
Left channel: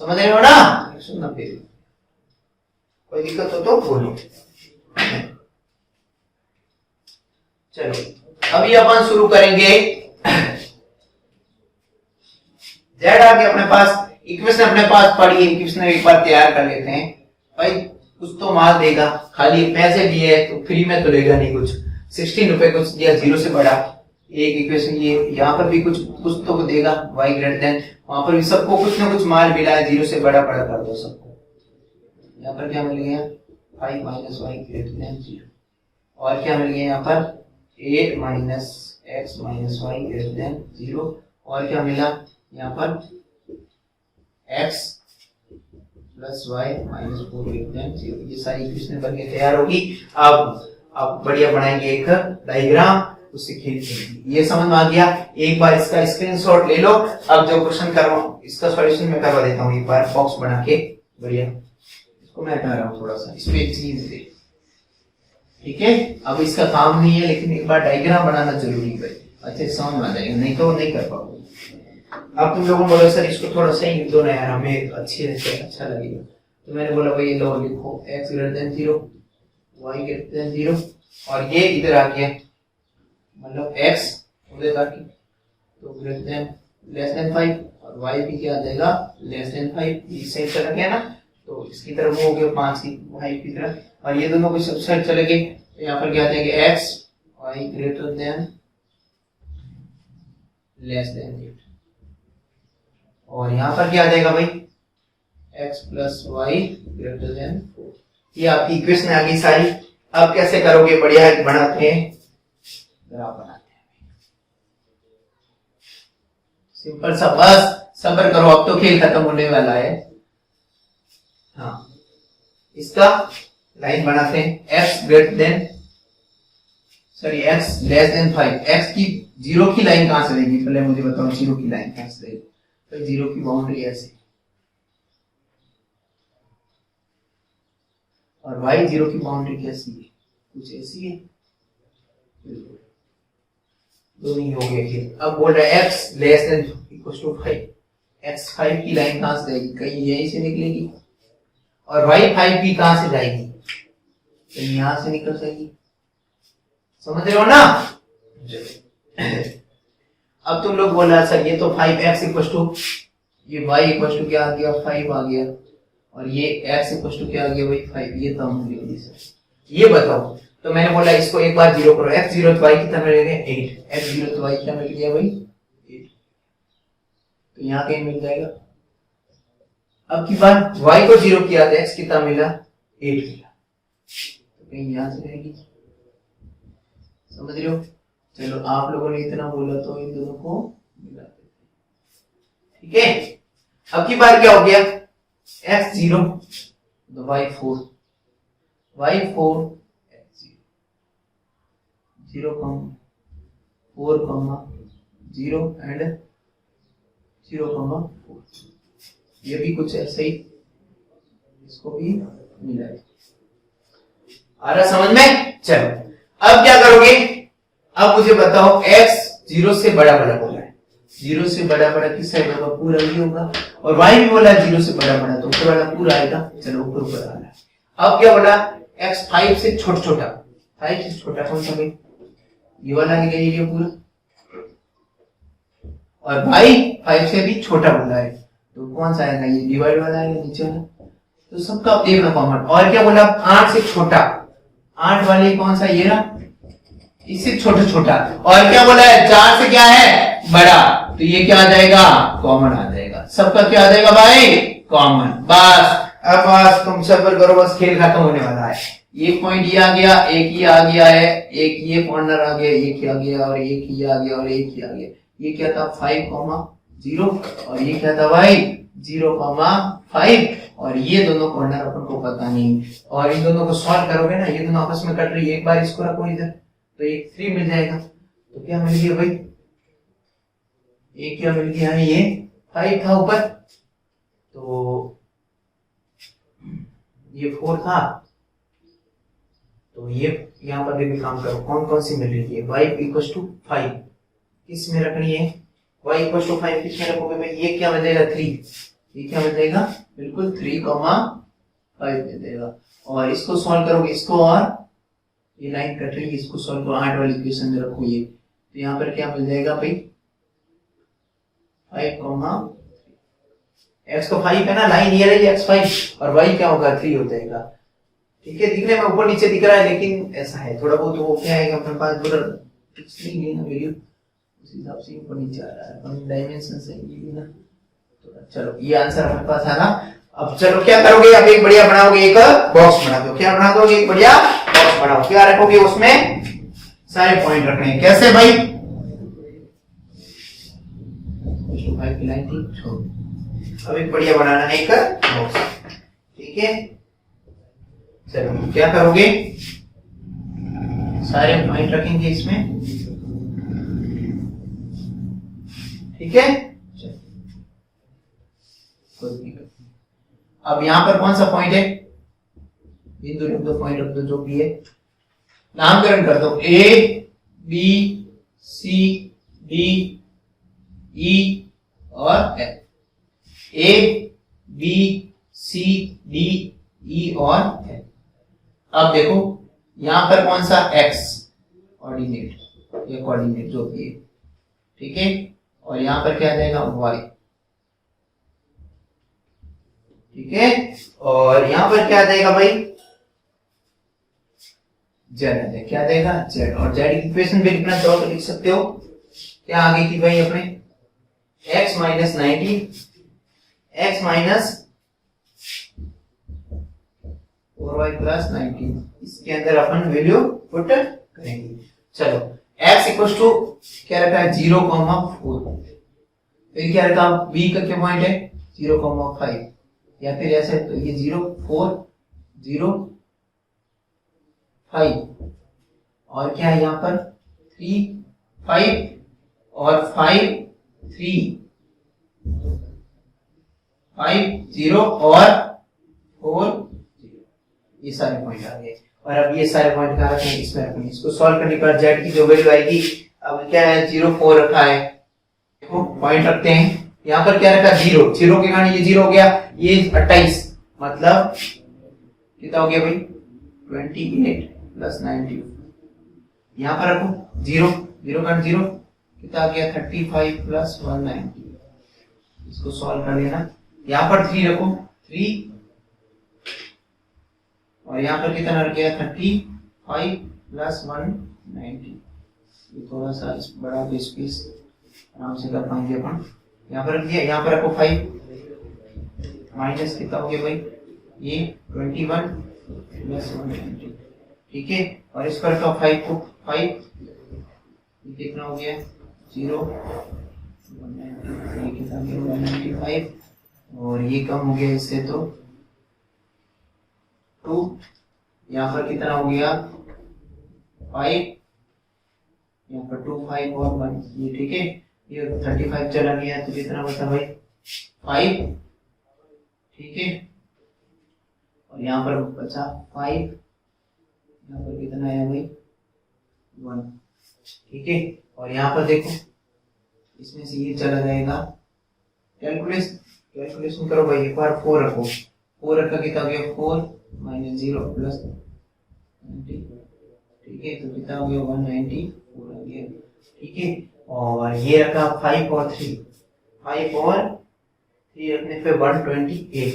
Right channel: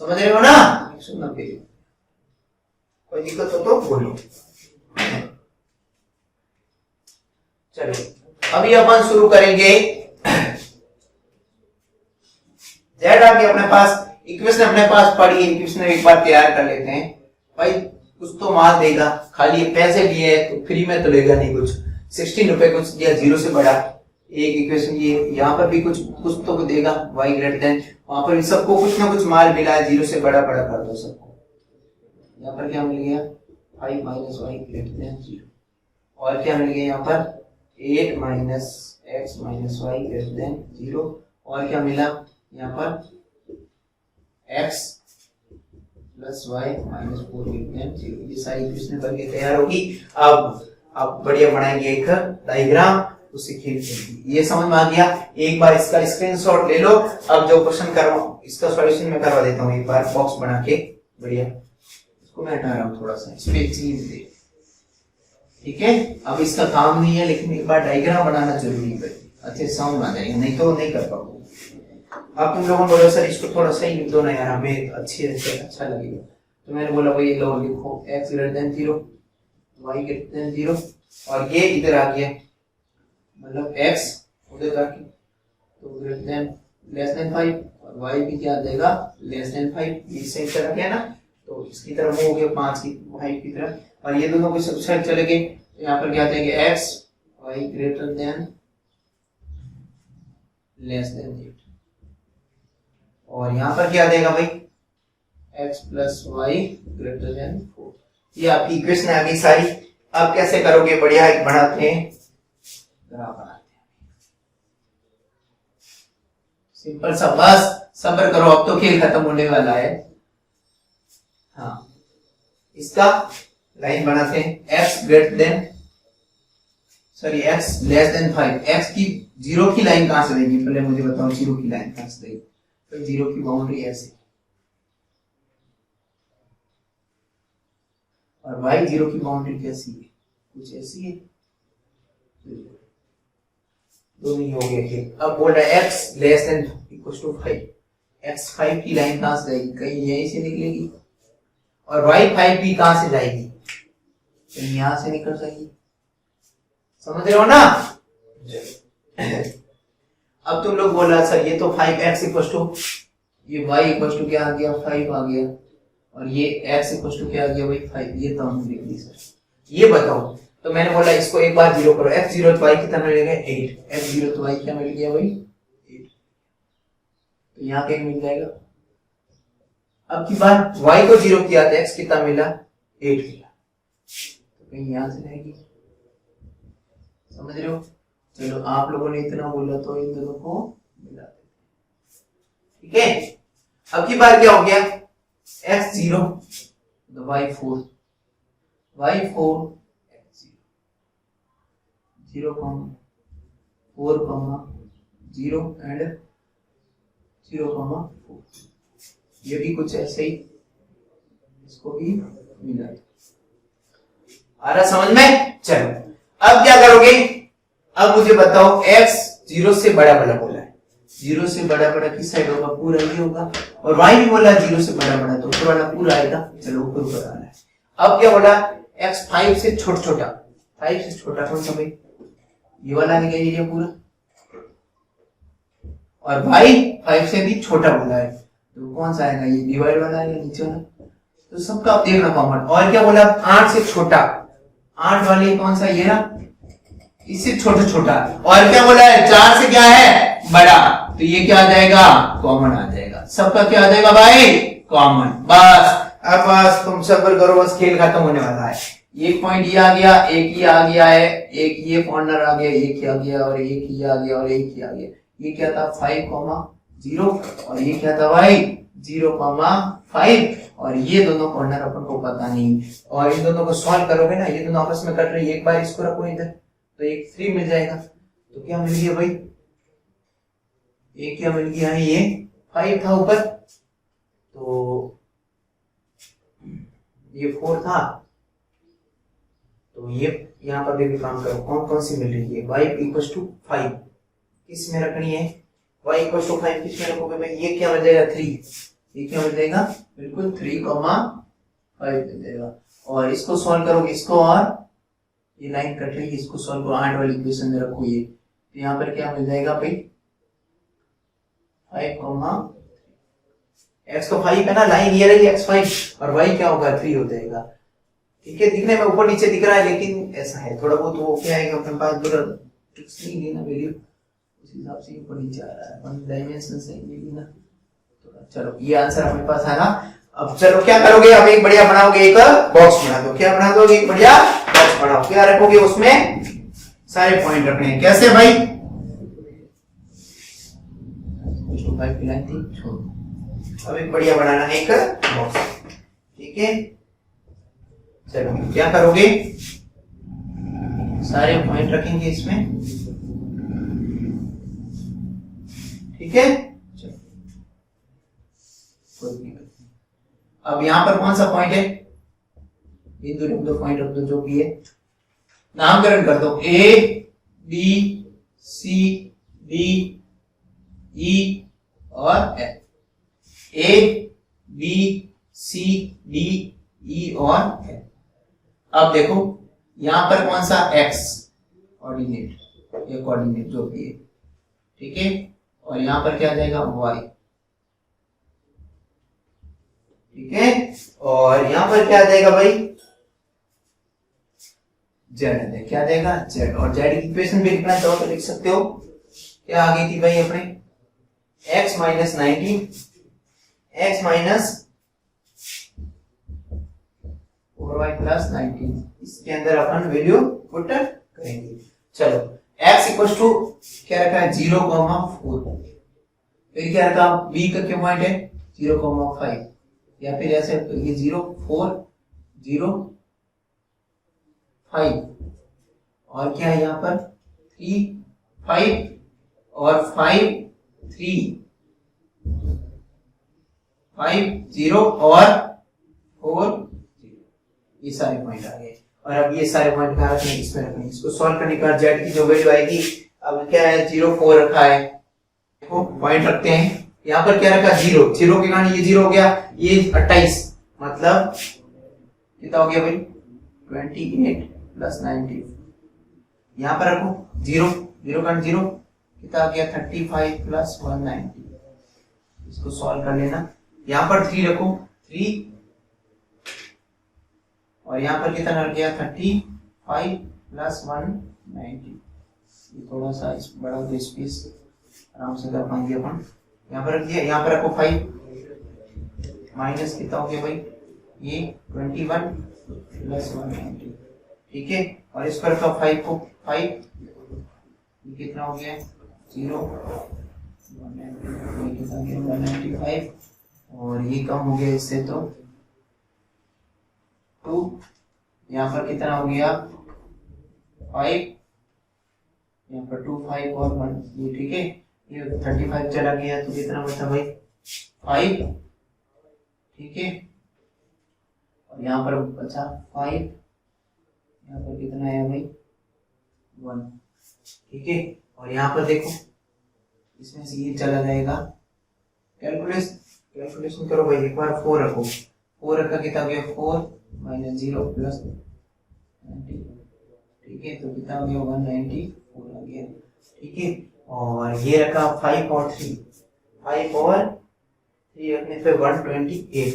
समझ रहे हो ना 190, कोई दिक्कत हो तो बोलो। चलिए अभी अपन शुरू करेंगे, जेड आ गया अपने पास, इक्वेशन अपने पास पड़ी है, इक्वेशन एक बार तैयार कर लेते हैं। भाई कुछ तो माल देगा, खाली पैसे दिए तो फ्री में तो लेगा नहीं, कुछ 16 रुपए कुछ दिया, जीरो से बड़ा एक इक्वेशन, ये यहाँ पर भी कुछ तो देगा y ग्रेटर देन, वहां पर भी सबको कुछ ना कुछ माल मिला है, जीरो से बड़ा बड़ा कर दो सबको। यहाँ पर क्या मिल गया 5 माइनस वाई ग्रेटर देन 0, और क्या मिल गया यहाँ पर 8 minus x minus y greater than 0, और क्या मिला यहाँ पर x plus y minus 4 greater than 0। ये सारी इक्वेशन बन के तैयार होगी। अब बढ़िया बनाएंगे एक डायग्राम, उससे खींचेंगे। ये समझ में आ गया, एक बार इसका स्क्रीनशॉट ले लो। अब जो क्वेश्चन कर रहा हूँ इसका सॉल्यूशन मैं करवा देता हूँ एक बार, बॉक्स बना के बढ़िया। इसको मैं हटा रहा हूँ थोड़ा सा, इसमें चीज दे, ठीक है। अब इसका काम नहीं है, लेकिन एक बार डायग्राम बनाना जरूरी है, अच्छे समझ में आ जाएगा, नहीं तो नहीं कर पाओगे। अब तुम लोगों ने बोला सर इसको थोड़ा सही लिख दो ना यार, हमें अच्छी अच्छा लगेगा, तो मैंने बोला भाई लो लिखो x greater than 0 y greater than 0, और ये इधर आ गया, मतलब x उधर जाके तो ग्रेटर देन लेस देन 5 और y भी क्या आ जाएगा लेस देन 5, ये सही कर रखे ना। तो इसकी तरफ मूव हो गया 5 की 5 की तरफ, और ये दोनों को सब साइड चले गए, तो यहाँ पर क्या आ जाएगा x y greater than less than 8, और यहाँ पर क्या आ जाएगा भाई x plus y greater than 4। ये आपकी इक्वेशन आ गई सारी। अब कैसे करोगे, बढ़िया एक बनाते हैं, ग्राफ बनाते हैं, सिंपल सा, बस सब्र करो, अब तो खेल खत्म होने वाला है। हाँ, इसका लाइन बनाते हैं, x greater then sorry x less then 5, x की जीरो की लाइन कहां से देगी, पहले मुझे बताओ जीरो की लाइन कहां से देगी, तो जीरो की बाउंड्री ऐसे, और y जीरो की बाउंड्री कैसी है, कुछ ऐसी है, दो ही हो गया ये। अब बोल रहा है x less than equal to 5, x 5 की लाइन कहां से जाएगी, कहीं यहीं से निकलेगी, और y 5 भी कहां से जाएगी, कहीं यहां से निकल जाएगी, समझ रहे हो ना। अब तुम लोग बोल रहे सर ये तो 5x इक्वल टू, ये y इक्वल टू क्या आ गया 5 आ गया, और ये x इक्वल टू क्या आ गया भाई 5, ये तो हम लिख दी सर, ये बताओ। तो मैंने बोला इसको एक बार जीरो करो, x जीरो तो y कितना मिल गया 8, x जीरो तो y क्या मिल गया भाई 8, तो यहाँ कहीं मिल जाएगा। अब की बार y को जीरो किया तो x कितना मिला 8 मिला, तो कहीं यहां से रहेगी, समझ रहे हो। चलो आप लोगों ने इतना बोला तो इन दोनों को मिला देते, ठीक है। अब की बार क्या हो गया x जीरो तो y 4 x जीरो 4 0 एंड 0 4, ये भी कुछ ऐसे ही, इसको भी मिला है, आ रहा समझ में। चलो अब क्या करोगे, अब मुझे बताओ x जीरो से बड़ा बड़ा बोला है, जीरो से बड़ा बड़ा किस साइड होगा, पूरा भी होगा, और y भी बोला है जीरो से बड़ा बड़ा, तो ऊपर वाला पूरा आएगा। चलो ऊपर ऊपर आ रहा है। अब क्या बोला x 5 से छोटा छोटा, 5 से छोटा कौन सा भाई, ये वाला है एरिया पूरा, और y 5 से भी छोटा बोला है, तो कौन सा आएगा, ये डिवाइड वाला आएगा नीचे वाला, तो सबका आप देखना कॉमन। और क्या बोला 8 से छोटा, 8 वाले कौन सा, ये ना, इससे छोटा छोटा, और क्या बोला है 4 से क्या है बड़ा, तो ये क्या आ जाएगा कॉमन आ जाएगा, सबका क्या आ जाएगा भाई कॉमन। बस अब बस तुम सब्र करो, बस खेल खत्म होने वाला है। एक पॉइंट ये आ गया, एक ये आ गया है, एक ये कॉर्नर आ गया, एक ये आ गया, और एक ये आ गया, और एक ये आ गया। ये क्या था 5, 0, और ये क्या था भाई 0, 5, और ये दोनों कॉर्नर अपन को पता नहीं, और इन दोनों को सॉल्व करोगे ना, ये दोनों आपस में कट रही है, एक बार इसको रखो इधर, तो एक 3 मिल जाएगा, तो क्या मिल गया भाई, एक क्या मिल गया है, ये 5 था ऊपर, तो ये 4 था, तो ये यहाँ पर देखो काम करो, कौन कौन सी मिल रही है, y इक्वल टू 5 किस में रखनी है, y इक्वल टू 5 किस में रखोगे भाई, ये क्या मिल जाएगा 3, ये क्या मिल जाएगा बिल्कुल 3, 5 मिल जाएगा। और इसको सॉल्व करोगे, इसको, और ये लाइन कट रही है, इसको सॉल्व करो, 8 वाली इक्वेशन में रखो ये, तो यहाँ पर क्या मिल जाएगा भाई 5, x को 5 है ना, लाइन ये रही x 5, और y क्या होगा 3 हो जाएगा, ठीक है। दिखने में ऊपर नीचे दिख रहा है, लेकिन ऐसा है थोड़ा बहुत वो क्या आएगा, अपने पास पूरा ट्रिक्स नहीं है ना वीडियो, उस हिसाब से ऊपर नीचे आ रहा है, अपन डायमेंशन से ये ना थोड़ा। चलो ये आंसर हमारे पास है ना। अब चलो क्या करोगे, अब एक बढ़िया बनाओगे, एक बॉक्स बना दो, क्या बना दोगे, एक बढ़िया बॉक्स बनाओ, क्या रखोगे उसमें, सारे पॉइंट रखने हैं, कैसे भाई 5 की लाइन थी, छोड़, अब एक बढ़िया बनाना है एक बॉक्स, ठीक है। चलो क्या करोगे, सारे पॉइंट रखेंगे इसमें, ठीक है। कोई दिक्कत नहीं। अब यहां पर कौन सा पॉइंट है, बिंदु रख दो, पॉइंट रख दो, जो भी है, नामकरण कर दो, ए बी सी डी ई और F, A B C D E और एफ। अब देखो यहां पर कौन सा x ऑर्डिनेट या कोऑर्डिनेट जो भी है, ठीक है, और यहां पर क्या आ जाएगा y, ठीक है। और यहाँ पर क्या देगा भाई, जेड आ जाए, क्या देगा जेड। और जेड की इक्वेशन भी लिखना चाहो तो लिख सकते हो, क्या आ गई थी भाई अपने x minus 19 x minus 4y plus 19, इसके अंदर अपन वैल्यू पुट करेंगे। चलो x इक्वल टू क्या रखा है 0,4, फिर क्या रखा b का क्या पॉइंट है 0,5, या फिर ऐसे तो ये 0 4 0 5, और क्या है यहाँ पर 3 5 और 5 3 5 0 और 4 0, ये सारे पॉइंट आ गए। और अब ये सारे पॉइंट कहाँ रखेंगे, इसमें रखेंगे। इसको सॉल्व करने के बाद जेड की जो वैल्यू आएगी, अब क्या है 0 4 रखा है, देखो पॉइंट रखते हैं। यहाँ पर क्या रखा 0 0 के कारण ये 0 हो गया, ये 28, मतलब कितना हो गया भाई 28 प्लस 90। यहाँ पर रखो 0 0 का 0 कितना आ गया 35 प्लस 190, इसको सॉल्व कर लेना। यहाँ पर 3 रखो 3, और यहाँ पर कितना रख गया 35 प्लस 190, ये थोड़ा सा इस बड़ा स्पेस आराम से कर पाएंगे अपन। यहाँ पर रख दिया, यहाँ पर रखो 5 माइनस कितना हो गया भाई ये 21 प्लस 190, ठीक है। और इस पर रखो 5 को 5, ये कितना हो गया 0 190, ये कितना गया 195, और ये कम हो गया इससे तो 2, यहाँ पर कितना हो गया 5, यहाँ पर 2 5 और 1, ये ठीक है। ये 35 चला गया तो कितना बचा भाई 5, ठीक है। और यहाँ पर बचा 5, यहाँ पर कितना आया भाई 1, ठीक है। और यहाँ पर देखो इसमें से ये चला जाएगा, कैलकुलेशन करो भाई, एक बार 4 रखो, 4 रखा कितना हो गया 4 माइनस 0 प्लस 90, ठीक है। तो कितना हो गया 194 आ गया, ठीक है। और ये रखा 5 और 3, 5 और 3 रखने पे 128,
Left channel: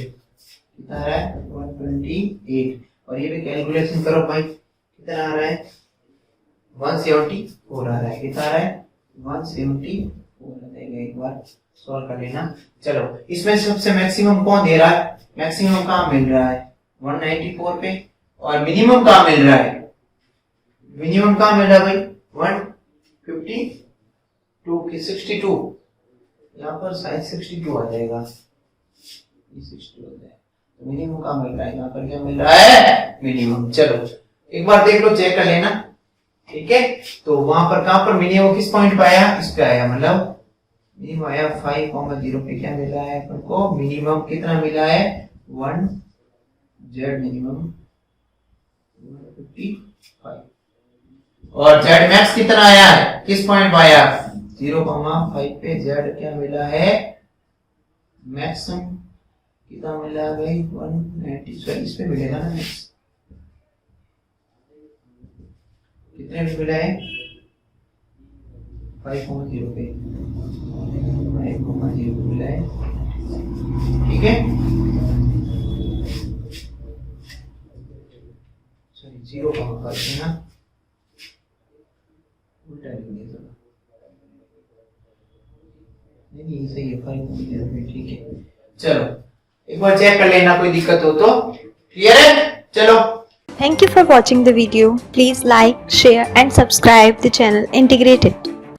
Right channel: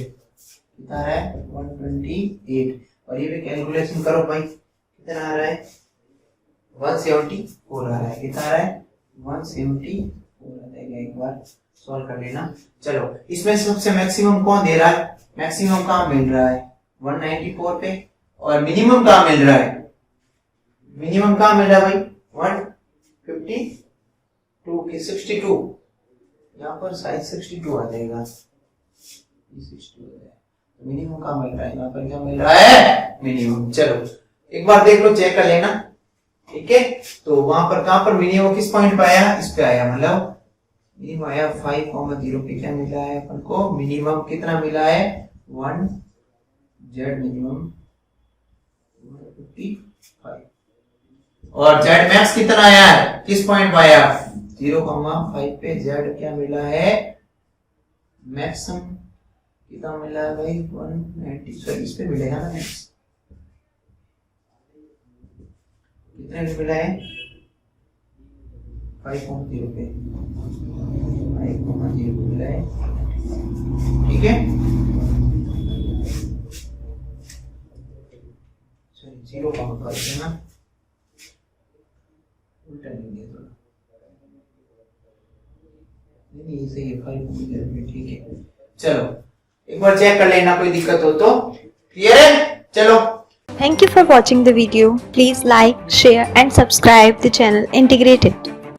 कितना आ रहा है 128। और ये भी कैलकुलेशन करो भाई, कितना आ रहा है 174 आ रहा है, कितना आ रहा है 174 आ जाएगा, एक बार सॉल्व कर लेना। चलो इसमें सबसे मैक्सिमम कौन दे रहा है, मैक्सिमम कहाँ मिल रहा है 194 पे, और मिनिमम कहाँ मिल रहा है, मिनिमम कहाँ मिल रहा है भाई 152 की 62, यहाँ पर साइज 62 आ जाएगा, ये 62 आ जाएगा। तो मिनिमम कहाँ मिल रहा है, यहाँ पर क्या मिल रहा है मिनिमम। चलो एक बार देख लो, चेक कर लेना, ठीक है। तो वहां पर कहाँ पर मिनिमम किस पॉइंट पे आया, इस पे आया, मतलब मिनिमम आया 5,0 पे, क्या मिला है अपन को मिनिमम, कितना मिला है 1 जेड मिनिमम 155, और जेड मैक्स कितना आया है, किस पॉइंट पे आया 0,5 पे, जेड क्या मिला है मैक्सिमम, कितना मिला है भाई 190, सॉरी इस पे मिलेगा ना मैक्स, कितने पे मिला है 5,0 पे, 5,0 पे मिला है, ठीक है। सॉरी 0,5 है ना, उल्टा नहीं है थोड़ा, नहीं सही है 5,0 पे, ठीक है। चलो एक बार चेक कर लेना, कोई दिक्कत हो तो, क्लियर है। चलो, Thank you for watching the video. Please like, share and subscribe the channel Integrated.